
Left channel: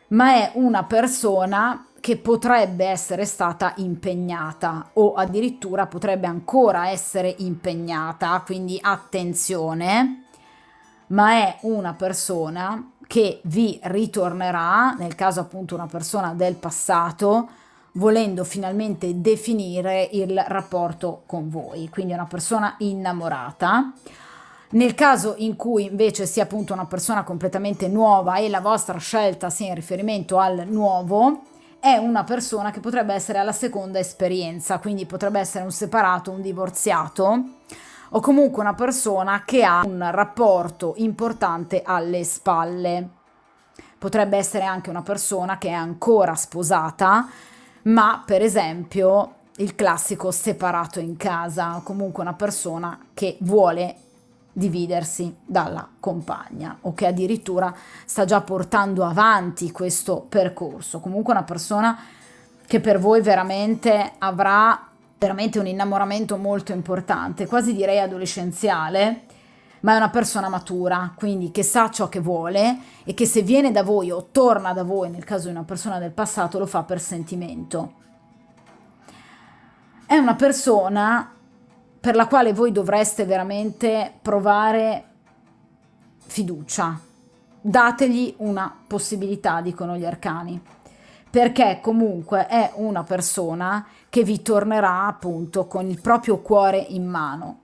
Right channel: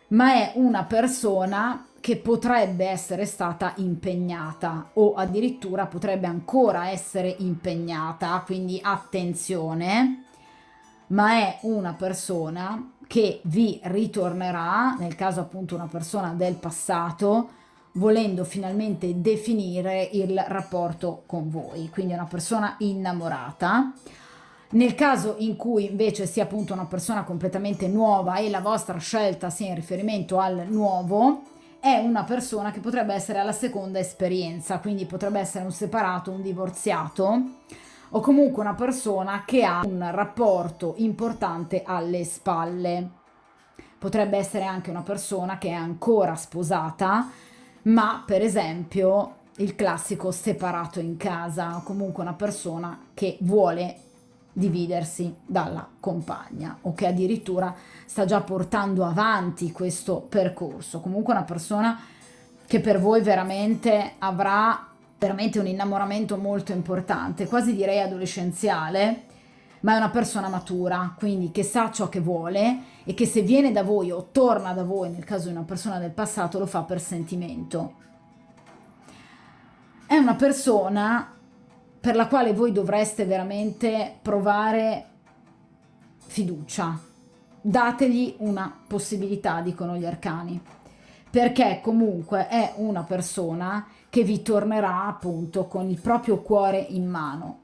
ma è una persona che potrebbe essere stata impegnata, o addirittura potrebbe ancora essere impegnata, quindi attenzione, ma è una persona che vi ritornerà, nel caso appunto una persona del passato, volendo finalmente definire il rapporto con voi, quindi è una persona innamorata. Nel caso in cui invece sia appunto una persona completamente nuova e la vostra scelta sia in riferimento al nuovo, è una persona che potrebbe essere alla seconda esperienza, quindi potrebbe essere un separato, un divorziato, o comunque una persona che ha un rapporto importante alle spalle. Potrebbe essere anche una persona che è ancora sposata, ma per esempio il classico separato in casa, o comunque una persona che vuole dividersi dalla compagna, o che addirittura sta già portando avanti questo percorso. Comunque una persona che per voi veramente avrà veramente un innamoramento molto importante, quasi direi adolescenziale, ma è una persona matura, quindi che sa ciò che vuole, e che se viene da voi o torna da voi, nel caso di una persona del passato, lo fa per sentimento. È una persona per la quale voi dovreste veramente provare fiducia. Dategli una possibilità, dicono gli arcani, perché comunque è una persona che vi tornerà appunto con il proprio cuore in mano,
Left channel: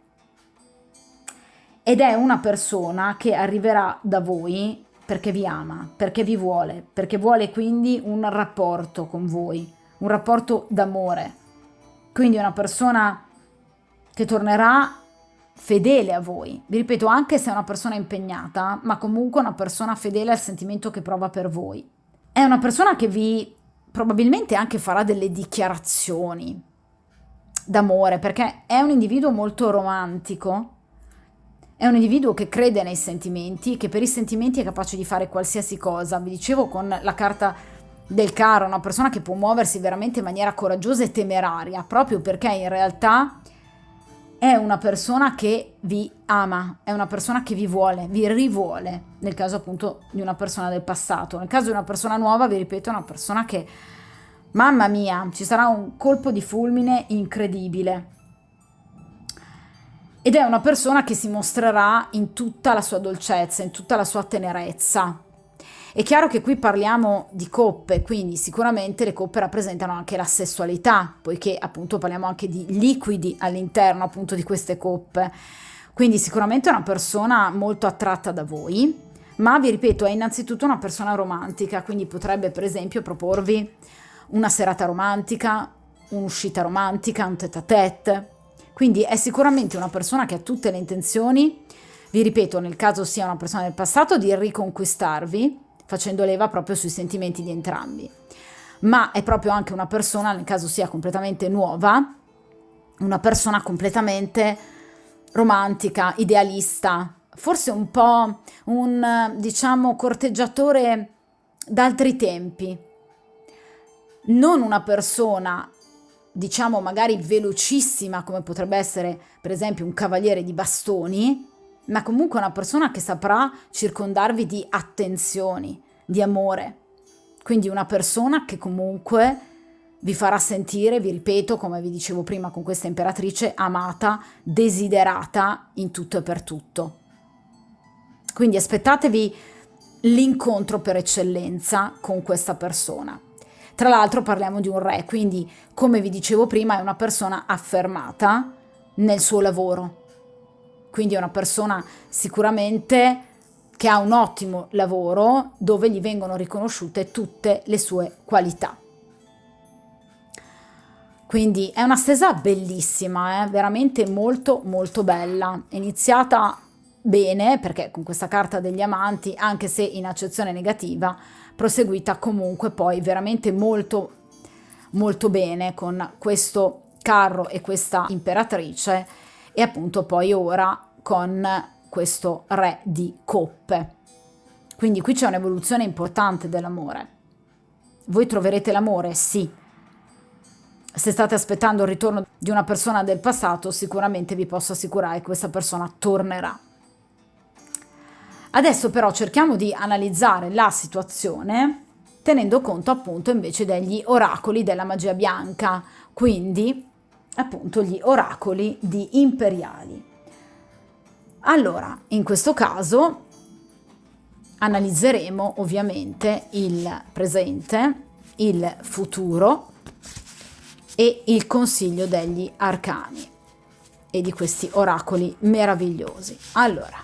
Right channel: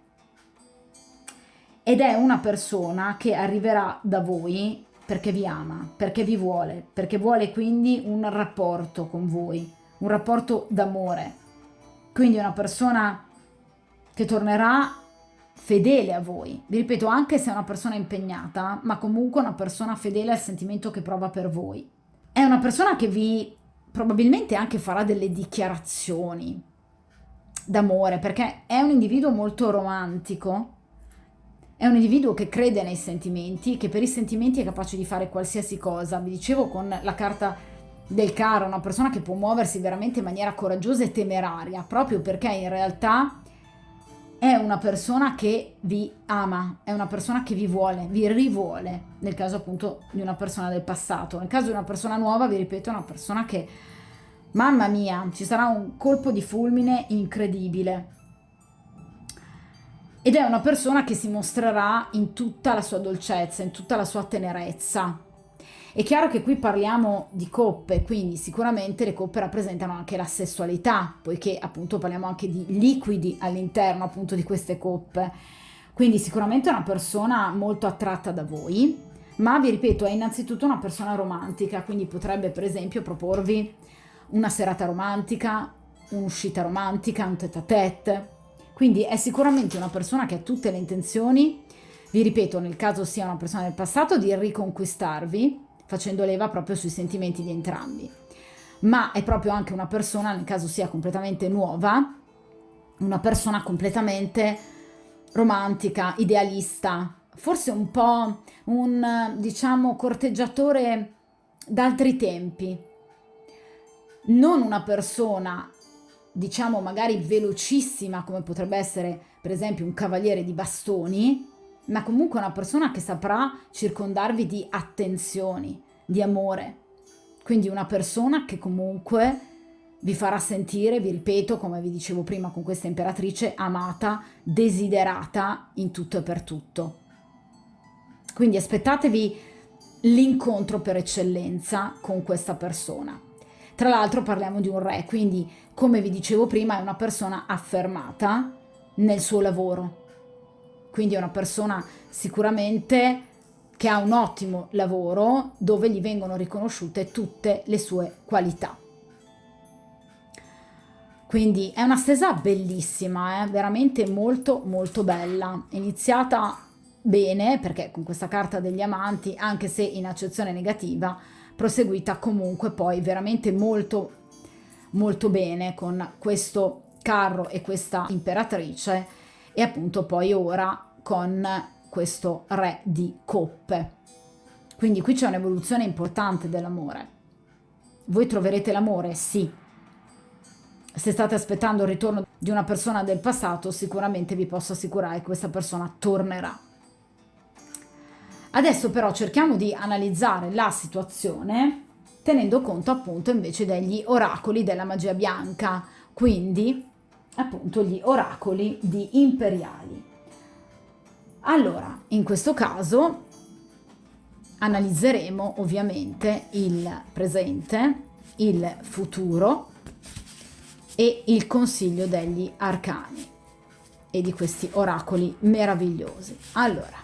ed è una persona che arriverà da voi perché vi ama, perché vuole quindi un rapporto con voi, un rapporto d'amore. Quindi una persona che tornerà fedele a voi. Vi ripeto, anche se è una persona impegnata, ma comunque una persona fedele al sentimento che prova per voi. È una persona che vi probabilmente anche farà delle dichiarazioni d'amore, perché è un individuo molto romantico, è un individuo che crede nei sentimenti, che per i sentimenti è capace di fare qualsiasi cosa. Vi dicevo con la carta del carro, una persona che può muoversi veramente in maniera coraggiosa e temeraria, proprio perché in realtà è una persona che vi ama, è una persona che vi vuole, vi rivuole, nel caso appunto di una persona del passato. Nel caso di una persona nuova, vi ripeto, è una persona che, mamma mia, ci sarà un colpo di fulmine incredibile. Ed è una persona che si mostrerà in tutta la sua dolcezza, in tutta la sua tenerezza. È chiaro che qui parliamo di coppe, quindi sicuramente le coppe rappresentano anche la sessualità, poiché appunto parliamo anche di liquidi all'interno appunto di queste coppe. Quindi sicuramente è una persona molto attratta da voi, ma vi ripeto, è innanzitutto una persona romantica, quindi potrebbe per esempio proporvi una serata romantica, un'uscita romantica, un tête-à-tête. Quindi è sicuramente una persona che ha tutte le intenzioni, vi ripeto, nel caso sia una persona del passato, di riconquistarvi, facendo leva proprio sui sentimenti di entrambi. Ma è proprio anche una persona, nel caso sia completamente nuova, una persona completamente romantica, idealista, forse un po' un, diciamo, corteggiatore d'altri tempi. Non una persona, diciamo, magari velocissima, come potrebbe essere per esempio un cavaliere di bastoni, ma comunque una persona che saprà circondarvi di attenzioni, di amore. Quindi una persona che comunque vi farà sentire, vi ripeto, come vi dicevo prima con questa imperatrice, amata, desiderata in tutto e per tutto. Quindi aspettatevi l'incontro per eccellenza con questa persona. Tra l'altro parliamo di un re, quindi come vi dicevo prima è una persona affermata nel suo lavoro. Quindi è una persona sicuramente che ha un ottimo lavoro dove gli vengono riconosciute tutte le sue qualità. Quindi è una stesa bellissima, veramente molto molto bella, iniziata bene perché con questa carta degli amanti, anche se in accezione negativa, proseguita comunque poi veramente molto molto bene con questo carro e questa imperatrice, e appunto poi ora con questo re di coppe. Quindi qui c'è un'evoluzione importante dell'amore. Voi troverete l'amore? Sì. Se state aspettando il ritorno di una persona del passato, sicuramente vi posso assicurare che questa persona tornerà. Adesso però cerchiamo di analizzare la situazione tenendo conto appunto invece degli oracoli della magia bianca, quindi appunto gli oracoli di imperiali. Allora, in questo caso analizzeremo ovviamente il presente, il futuro e il consiglio degli arcani e di questi oracoli meravigliosi. Allora,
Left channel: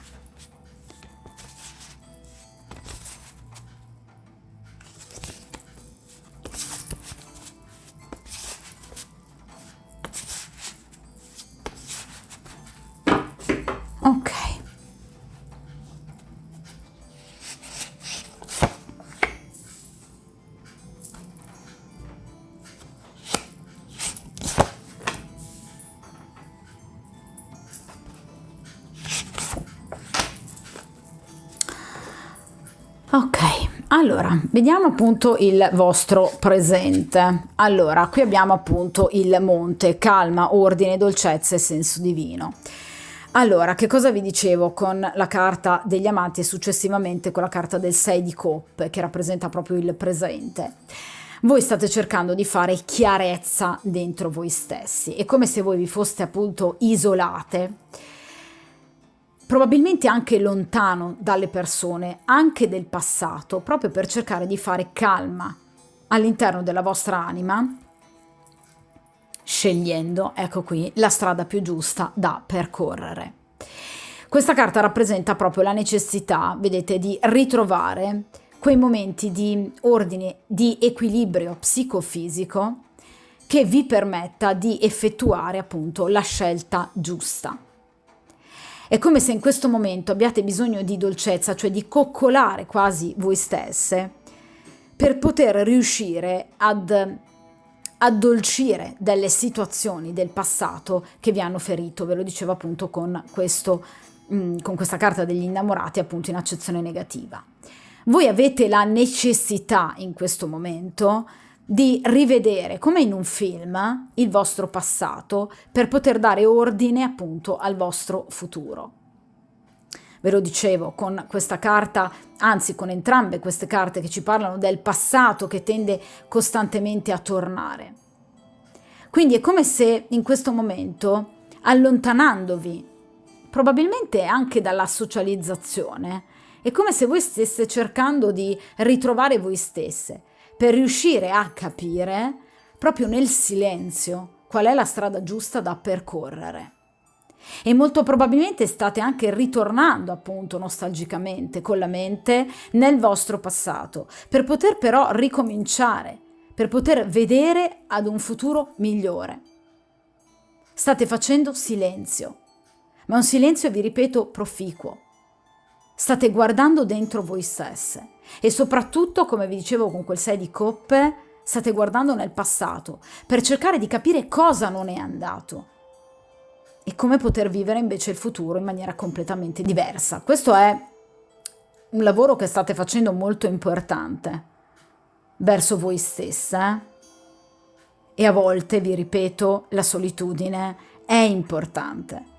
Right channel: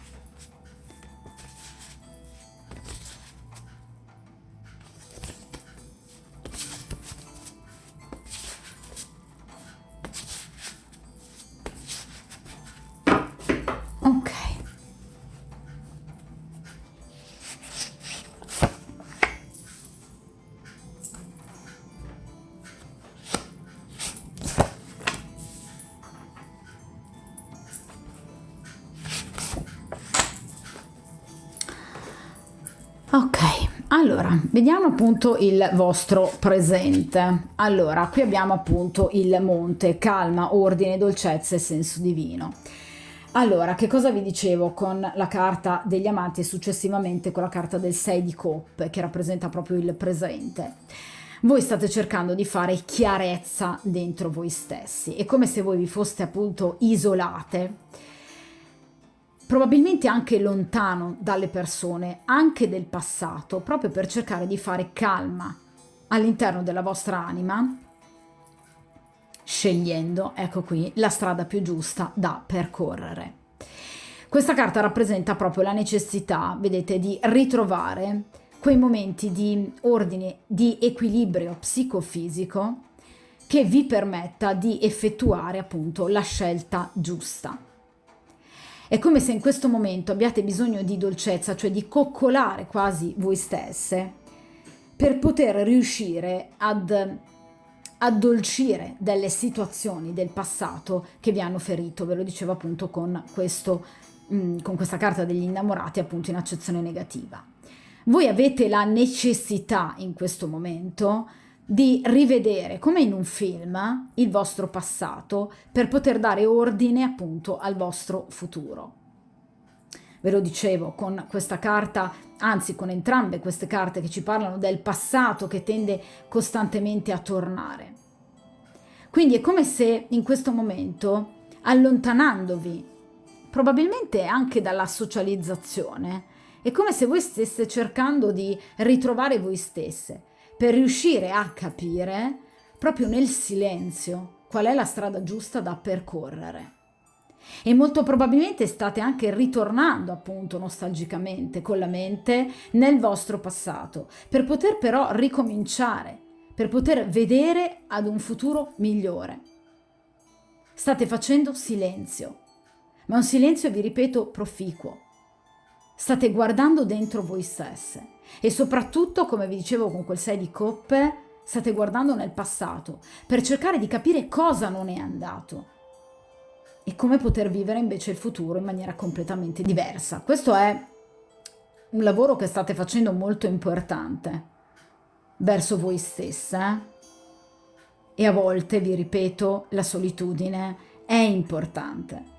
ok. Ok, allora, vediamo appunto il vostro presente. Allora, qui abbiamo appunto il monte, calma, ordine, dolcezza e senso divino. Allora, che cosa vi dicevo con la carta degli amanti e successivamente con la carta del 6 di coppe, che rappresenta proprio il presente? Voi state cercando di fare chiarezza dentro voi stessi. È come se voi vi foste appunto isolate, probabilmente anche lontano dalle persone, anche del passato, proprio per cercare di fare calma all'interno della vostra anima, scegliendo, ecco qui, la strada più giusta da percorrere. Questa carta rappresenta proprio la necessità, vedete, di ritrovare quei momenti di ordine, di equilibrio psicofisico che vi permetta di effettuare appunto la scelta giusta. È come se in questo momento abbiate bisogno di dolcezza, cioè di coccolare quasi voi stesse, per poter riuscire ad addolcire delle situazioni del passato che vi hanno ferito. Ve lo dicevo appunto con questa carta degli innamorati, appunto in accezione negativa. Voi avete la necessità in questo momento di rivedere, come in un film, il vostro passato per poter dare ordine appunto al vostro futuro. Ve lo dicevo con questa carta, anzi con entrambe queste carte che ci parlano del passato che tende costantemente a tornare. Quindi è come se in questo momento, allontanandovi probabilmente anche dalla socializzazione, è come se voi stesse cercando di ritrovare voi stesse per riuscire a capire proprio nel silenzio qual è la strada giusta da percorrere. E molto probabilmente state anche ritornando appunto nostalgicamente con la mente nel vostro passato per poter però ricominciare, per poter vedere ad un futuro migliore. State facendo silenzio, ma un silenzio, vi ripeto, proficuo. State guardando dentro voi stesse e soprattutto, come vi dicevo con quel 6 di coppe, state guardando nel passato per cercare di capire cosa non è andato e come poter vivere invece il futuro in maniera completamente diversa. Questo è un lavoro che state facendo molto importante verso voi stessa e a volte, vi ripeto, la solitudine è importante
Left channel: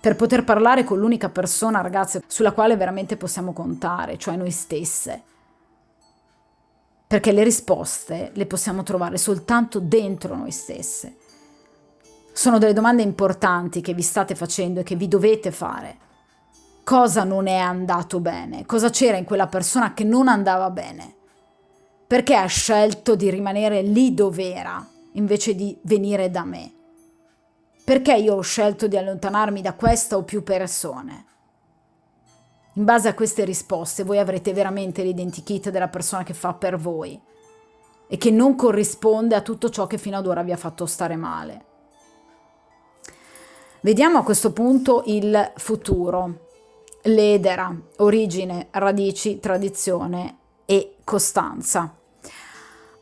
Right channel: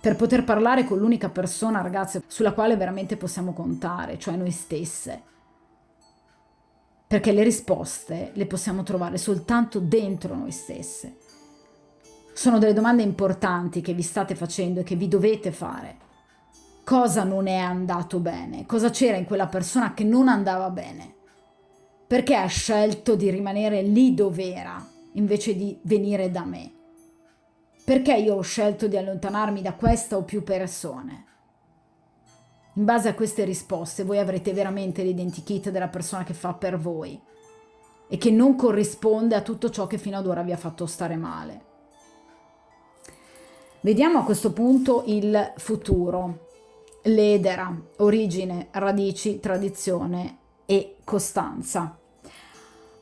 per poter parlare con l'unica persona, ragazze, sulla quale veramente possiamo contare, cioè noi stesse. Perché le risposte le possiamo trovare soltanto dentro noi stesse. Sono delle domande importanti che vi state facendo e che vi dovete fare. Cosa non è andato bene? Cosa c'era in quella persona che non andava bene? Perché ha scelto di rimanere lì dove era, invece di venire da me? Perché io ho scelto di allontanarmi da questa o più persone? In base a queste risposte voi avrete veramente l'identikit della persona che fa per voi e che non corrisponde a tutto ciò che fino ad ora vi ha fatto stare male. Vediamo a questo punto il futuro. L'edera, origine, radici, tradizione e costanza.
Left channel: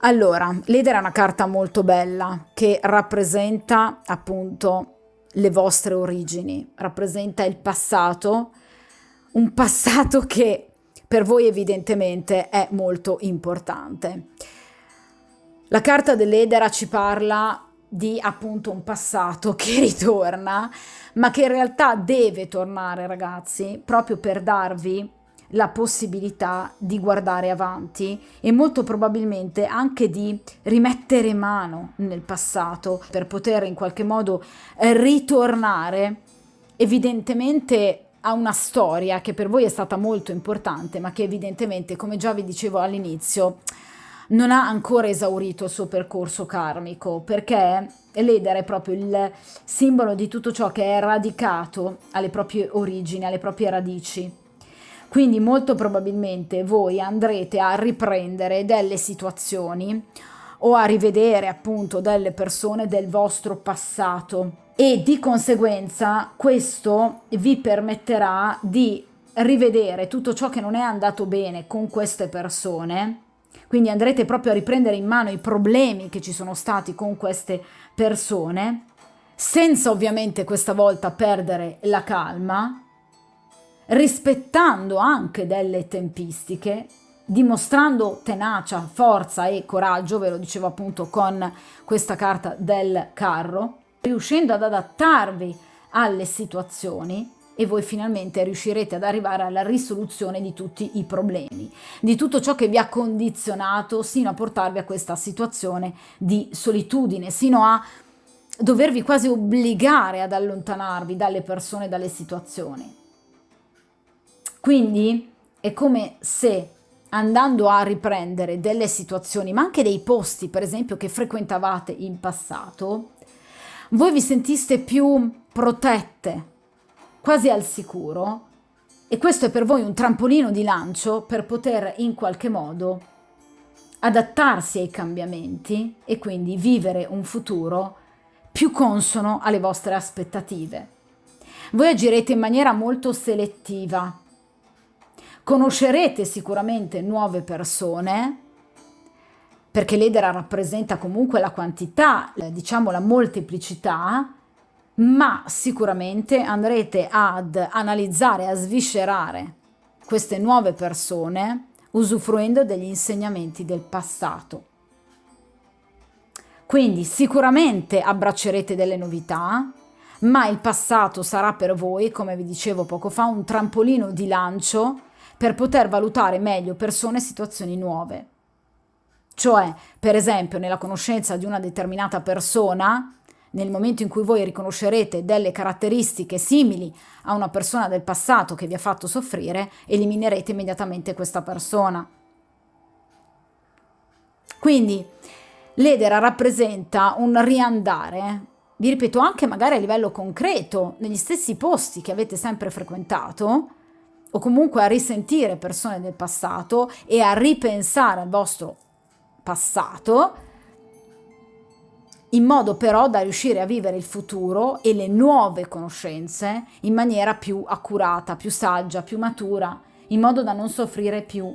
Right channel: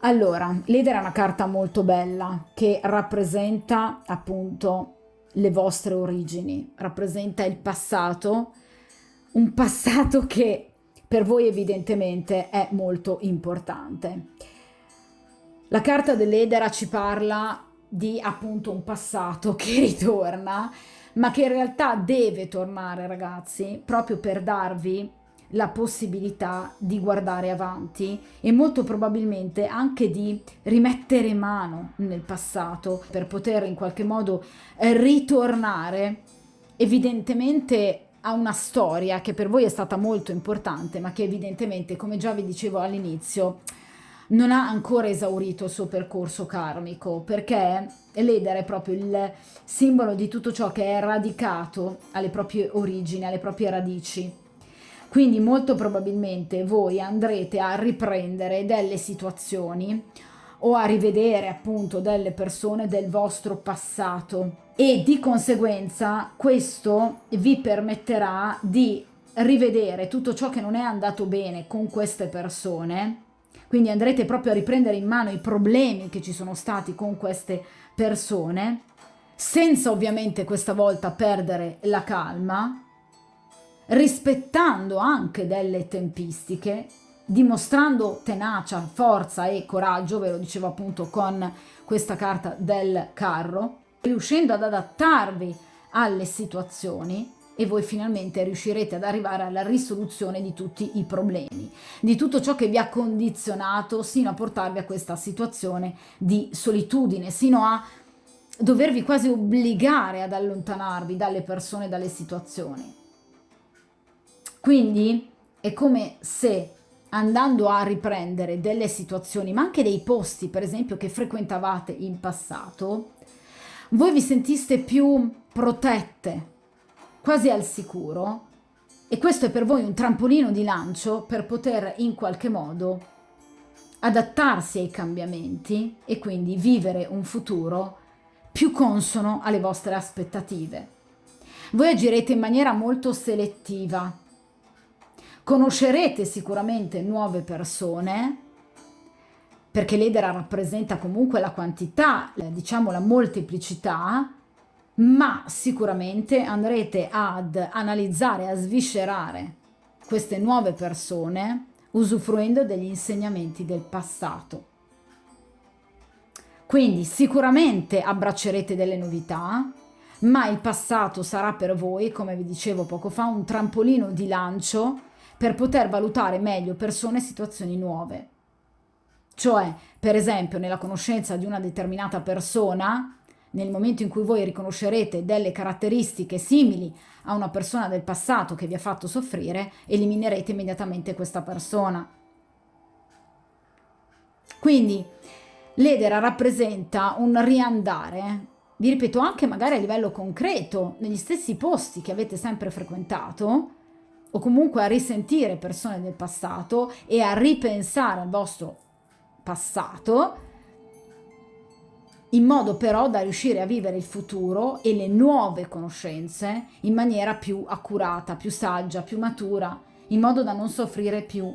Allora, l'edera è una carta molto bella che rappresenta appunto le vostre origini, rappresenta il passato, un passato che per voi evidentemente è molto importante. La carta dell'edera ci parla di appunto un passato che ritorna, ma che in realtà deve tornare, ragazzi, proprio per darvi la possibilità di guardare avanti e molto probabilmente anche di rimettere mano nel passato per poter in qualche modo ritornare evidentemente a una storia che per voi è stata molto importante, ma che evidentemente, come già vi dicevo all'inizio, non ha ancora esaurito il suo percorso karmico, perché l'edera è proprio il simbolo di tutto ciò che è radicato alle proprie origini, alle proprie radici. Quindi molto probabilmente voi andrete a riprendere delle situazioni o a rivedere appunto delle persone del vostro passato e di conseguenza questo vi permetterà di rivedere tutto ciò che non è andato bene con queste persone. Quindi andrete proprio a riprendere in mano i problemi che ci sono stati con queste persone, senza ovviamente questa volta perdere la calma, rispettando anche delle tempistiche, dimostrando tenacia, forza e coraggio, ve lo dicevo appunto con questa carta del carro, riuscendo ad adattarvi alle situazioni e voi finalmente riuscirete ad arrivare alla risoluzione di tutti i problemi, di tutto ciò che vi ha condizionato sino a portarvi a questa situazione di solitudine, sino a dovervi quasi obbligare ad allontanarvi dalle persone e dalle situazioni. Quindi è come se andando a riprendere delle situazioni, ma anche dei posti, per esempio, che frequentavate in passato, voi vi sentiste più protette, quasi al sicuro, e questo è per voi un trampolino di lancio per poter in qualche modo adattarsi ai cambiamenti e quindi vivere un futuro più consono alle vostre aspettative. Voi agirete in maniera molto selettiva, conoscerete sicuramente nuove persone, perché l'edera rappresenta comunque la quantità, diciamo la molteplicità, ma sicuramente andrete ad analizzare, a sviscerare queste nuove persone usufruendo degli insegnamenti del passato. Quindi sicuramente abbraccerete delle novità, ma il passato sarà per voi, come vi dicevo poco fa, un trampolino di lancio per poter valutare meglio persone e situazioni nuove. Cioè, per esempio, nella conoscenza di una determinata persona, nel momento in cui voi riconoscerete delle caratteristiche simili a una persona del passato che vi ha fatto soffrire, eliminerete immediatamente questa persona. Quindi l'edera rappresenta un riandare, vi ripeto, anche magari a livello concreto, negli stessi posti che avete sempre frequentato, o comunque a risentire persone del passato e a ripensare al vostro passato, in modo però da riuscire a vivere il futuro e le nuove conoscenze in maniera più accurata, più saggia, più matura, in modo da non soffrire più.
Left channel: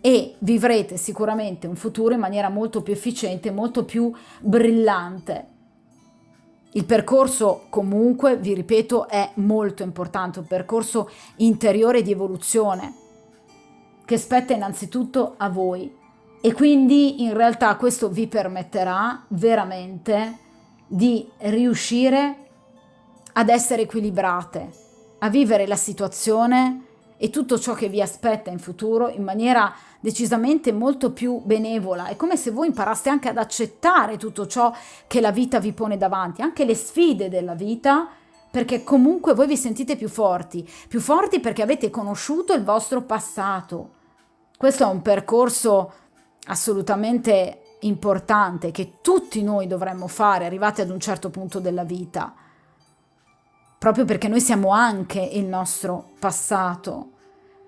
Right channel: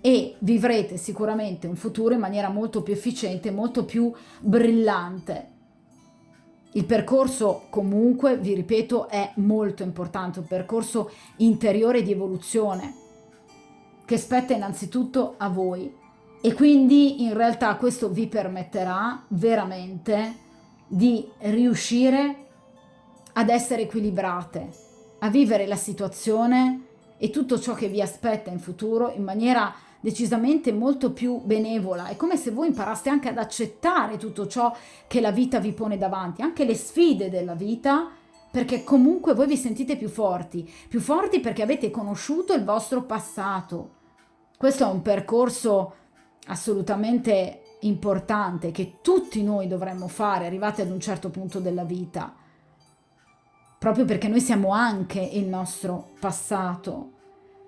E vivrete sicuramente un futuro in maniera molto più efficiente, molto più brillante. Il percorso comunque, vi ripeto, è molto importante, un percorso interiore di evoluzione che spetta innanzitutto a voi. E quindi in realtà questo vi permetterà veramente di riuscire ad essere equilibrate, a vivere la situazione e tutto ciò che vi aspetta in futuro in maniera decisamente molto più benevola. È come se voi imparaste anche ad accettare tutto ciò che la vita vi pone davanti, anche le sfide della vita, perché comunque voi vi sentite più forti perché avete conosciuto il vostro passato. Questo è un percorso assolutamente importante che tutti noi dovremmo fare arrivati ad un certo punto della vita, proprio perché noi siamo anche il nostro passato,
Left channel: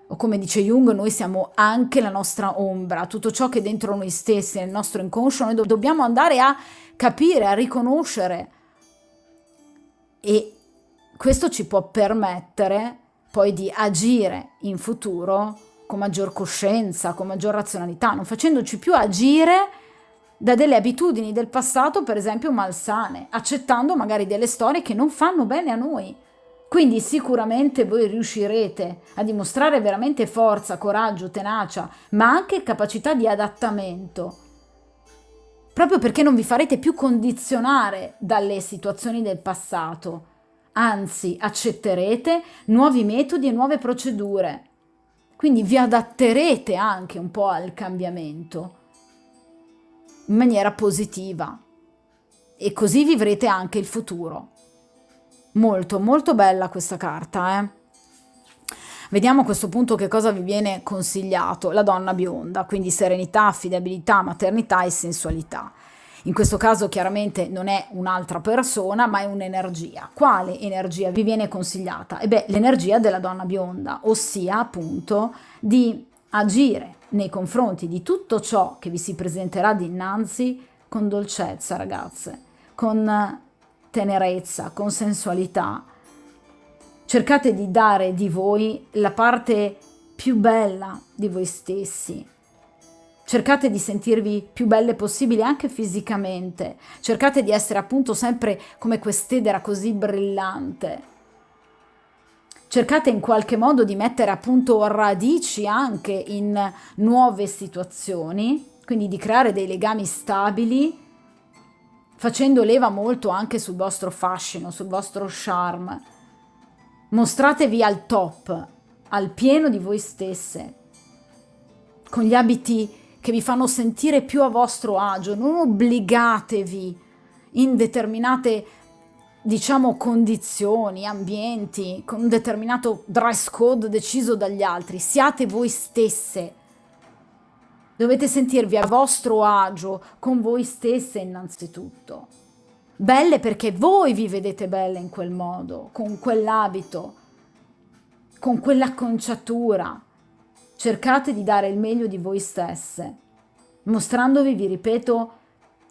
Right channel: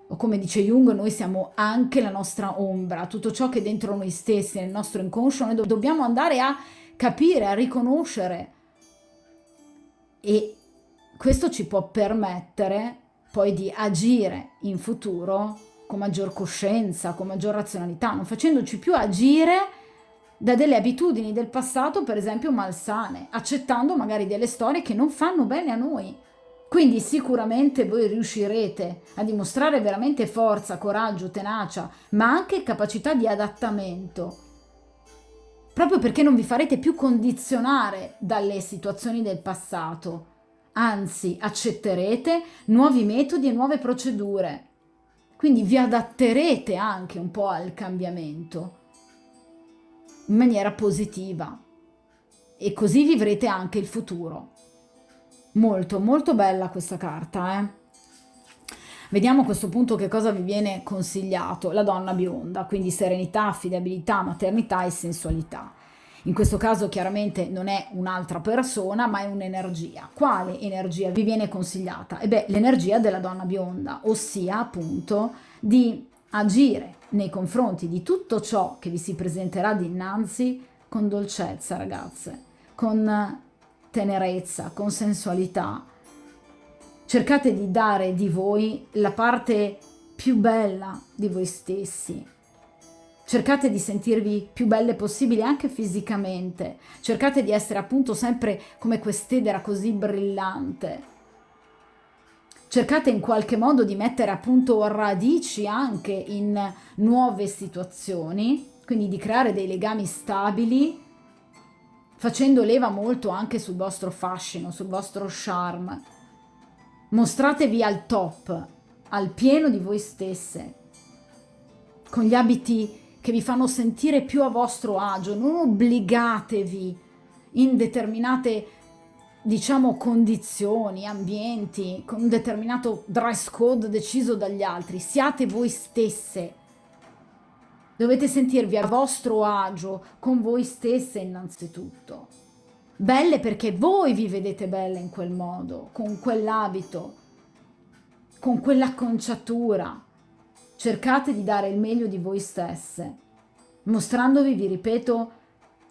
o come dice Jung, noi siamo anche la nostra ombra, tutto ciò che è dentro noi stessi, nel nostro inconscio, noi dobbiamo andare a capire, a riconoscere, e questo ci può permettere poi di agire in futuro con maggior coscienza, con maggior razionalità, non facendoci più agire da delle abitudini del passato, per esempio malsane, accettando magari delle storie che non fanno bene a noi. Quindi sicuramente voi riuscirete a dimostrare veramente forza, coraggio, tenacia, ma anche capacità di adattamento, proprio perché non vi farete più condizionare dalle situazioni del passato, anzi accetterete nuovi metodi e nuove procedure. Quindi vi adatterete anche un po' al cambiamento in maniera positiva e così vivrete anche il futuro. Molto, molto bella questa carta, eh? Vediamo a questo punto che cosa vi viene consigliato. La donna bionda, quindi serenità, affidabilità, maternità e sensualità. In questo caso chiaramente non è un'altra persona, ma è un'energia. Quale energia vi viene consigliata? L'energia della donna bionda, ossia appunto di agire nei confronti di tutto ciò che vi si presenterà dinanzi con dolcezza, ragazze, con tenerezza, con sensualità. Cercate di dare di voi la parte più bella di voi stessi. Cercate di sentirvi più belle possibili anche fisicamente. Cercate di essere appunto sempre come quest'edera così brillante. Cercate in qualche modo di mettere appunto radici anche in nuove situazioni, quindi di creare dei legami stabili, facendo leva molto anche sul vostro fascino, sul vostro charme. Mostratevi al top, al pieno di voi stesse, con gli abiti che vi fanno sentire più a vostro agio. Non obbligatevi in determinate diciamo, condizioni, ambienti, con un determinato dress code deciso dagli altri. Siate voi stesse. Dovete sentirvi a vostro agio con voi stesse innanzitutto. Belle perché voi vi vedete belle in quel modo, con quell'abito, con quell'acconciatura. Cercate di dare il meglio di voi stesse, mostrandovi, vi ripeto,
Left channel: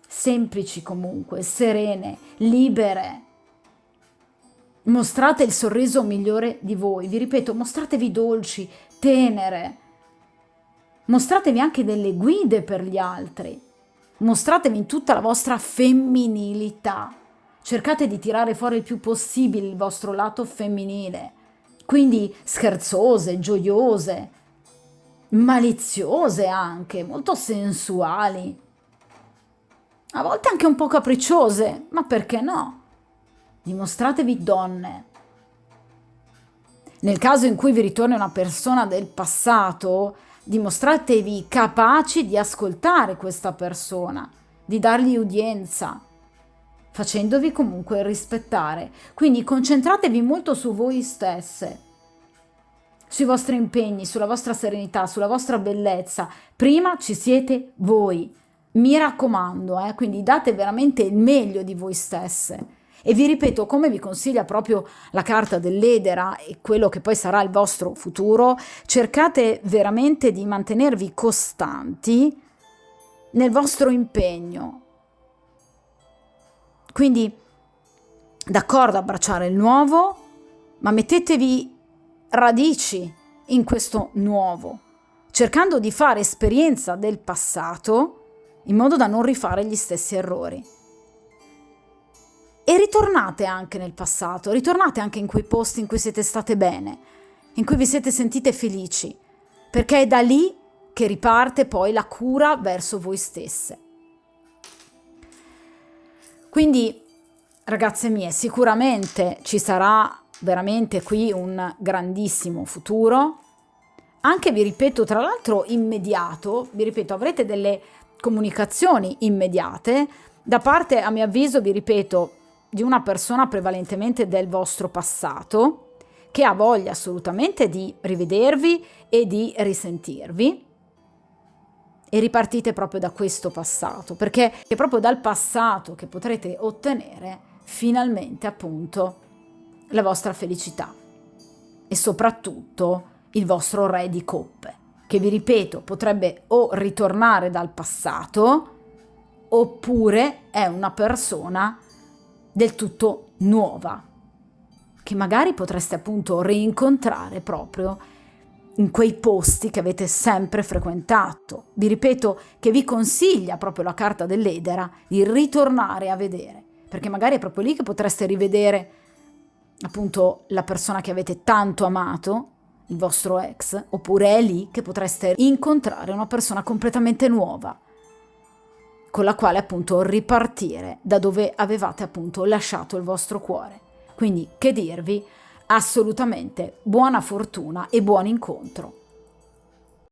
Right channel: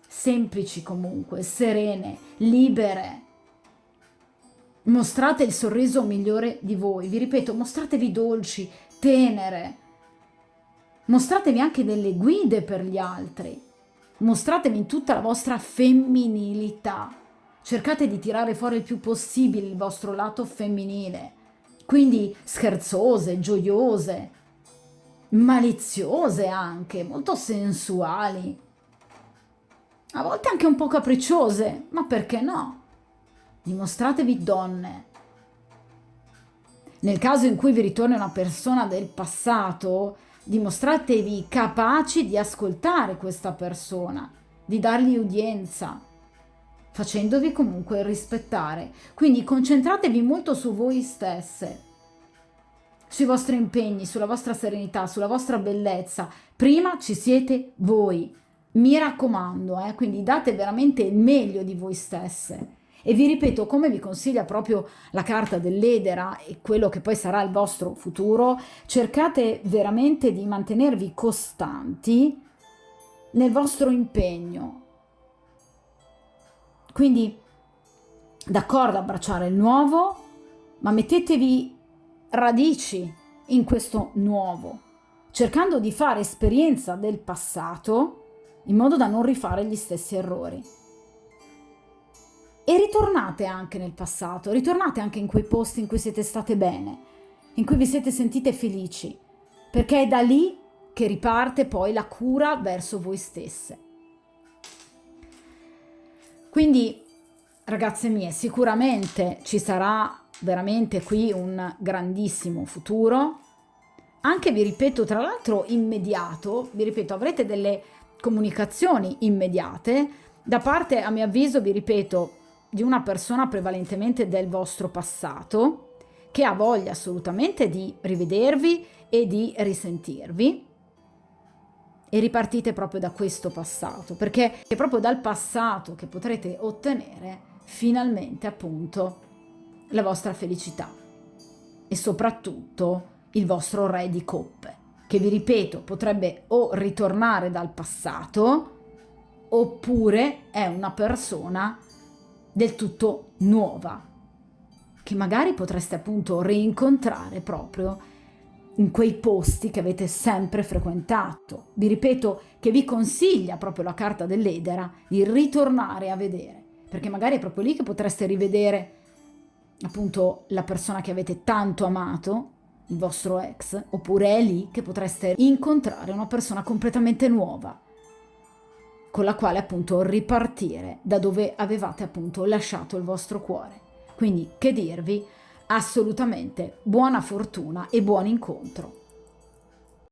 semplici comunque, serene, libere. Mostrate il sorriso migliore di voi, vi ripeto, mostratevi dolci, tenere. Mostratevi anche delle guide per gli altri. Mostratevi in tutta la vostra femminilità. Cercate di tirare fuori il più possibile il vostro lato femminile. Quindi scherzose, gioiose, maliziose anche, molto sensuali. A volte anche un po' capricciose, ma perché no? Dimostratevi donne. Nel caso in cui vi ritorni una persona del passato, dimostratevi capaci di ascoltare questa persona, di dargli udienza, facendovi comunque rispettare. Quindi concentratevi molto su voi stesse, sui vostri impegni, sulla vostra serenità, sulla vostra bellezza. Prima ci siete voi, mi raccomando, quindi date veramente il meglio di voi stesse. E vi ripeto, come vi consiglia proprio la carta dell'Edera e quello che poi sarà il vostro futuro, cercate veramente di mantenervi costanti nel vostro impegno. Quindi, d'accordo, abbracciare il nuovo, ma mettetevi radici in questo nuovo, cercando di fare esperienza del passato in modo da non rifare gli stessi errori. E ritornate anche nel passato, ritornate anche in quei posti in cui siete state bene, in cui vi siete sentite felici, perché è da lì che riparte poi la cura verso voi stesse. Quindi, ragazze mie, sicuramente ci sarà veramente qui un grandissimo futuro, anche, vi ripeto, tra l'altro immediato, vi ripeto, avrete delle comunicazioni immediate da parte, a mio avviso, vi ripeto, di una persona prevalentemente del vostro passato, che ha voglia assolutamente di rivedervi e di risentirvi, e ripartite proprio da questo passato, perché è proprio dal passato che potrete ottenere finalmente appunto la vostra felicità e soprattutto il vostro re di coppe, che vi ripeto potrebbe o ritornare dal passato oppure è una persona del tutto nuova, che magari potreste appunto rincontrare proprio in quei posti che avete sempre frequentato. Vi ripeto che vi consiglia proprio la carta dell'Edera di ritornare a vedere, perché magari è proprio lì che potreste rivedere appunto la persona che avete tanto amato, il vostro ex, oppure è lì che potreste incontrare una persona completamente nuova, con la quale appunto ripartire da dove avevate appunto lasciato il vostro cuore. Quindi che dirvi? Assolutamente buona fortuna e buon incontro.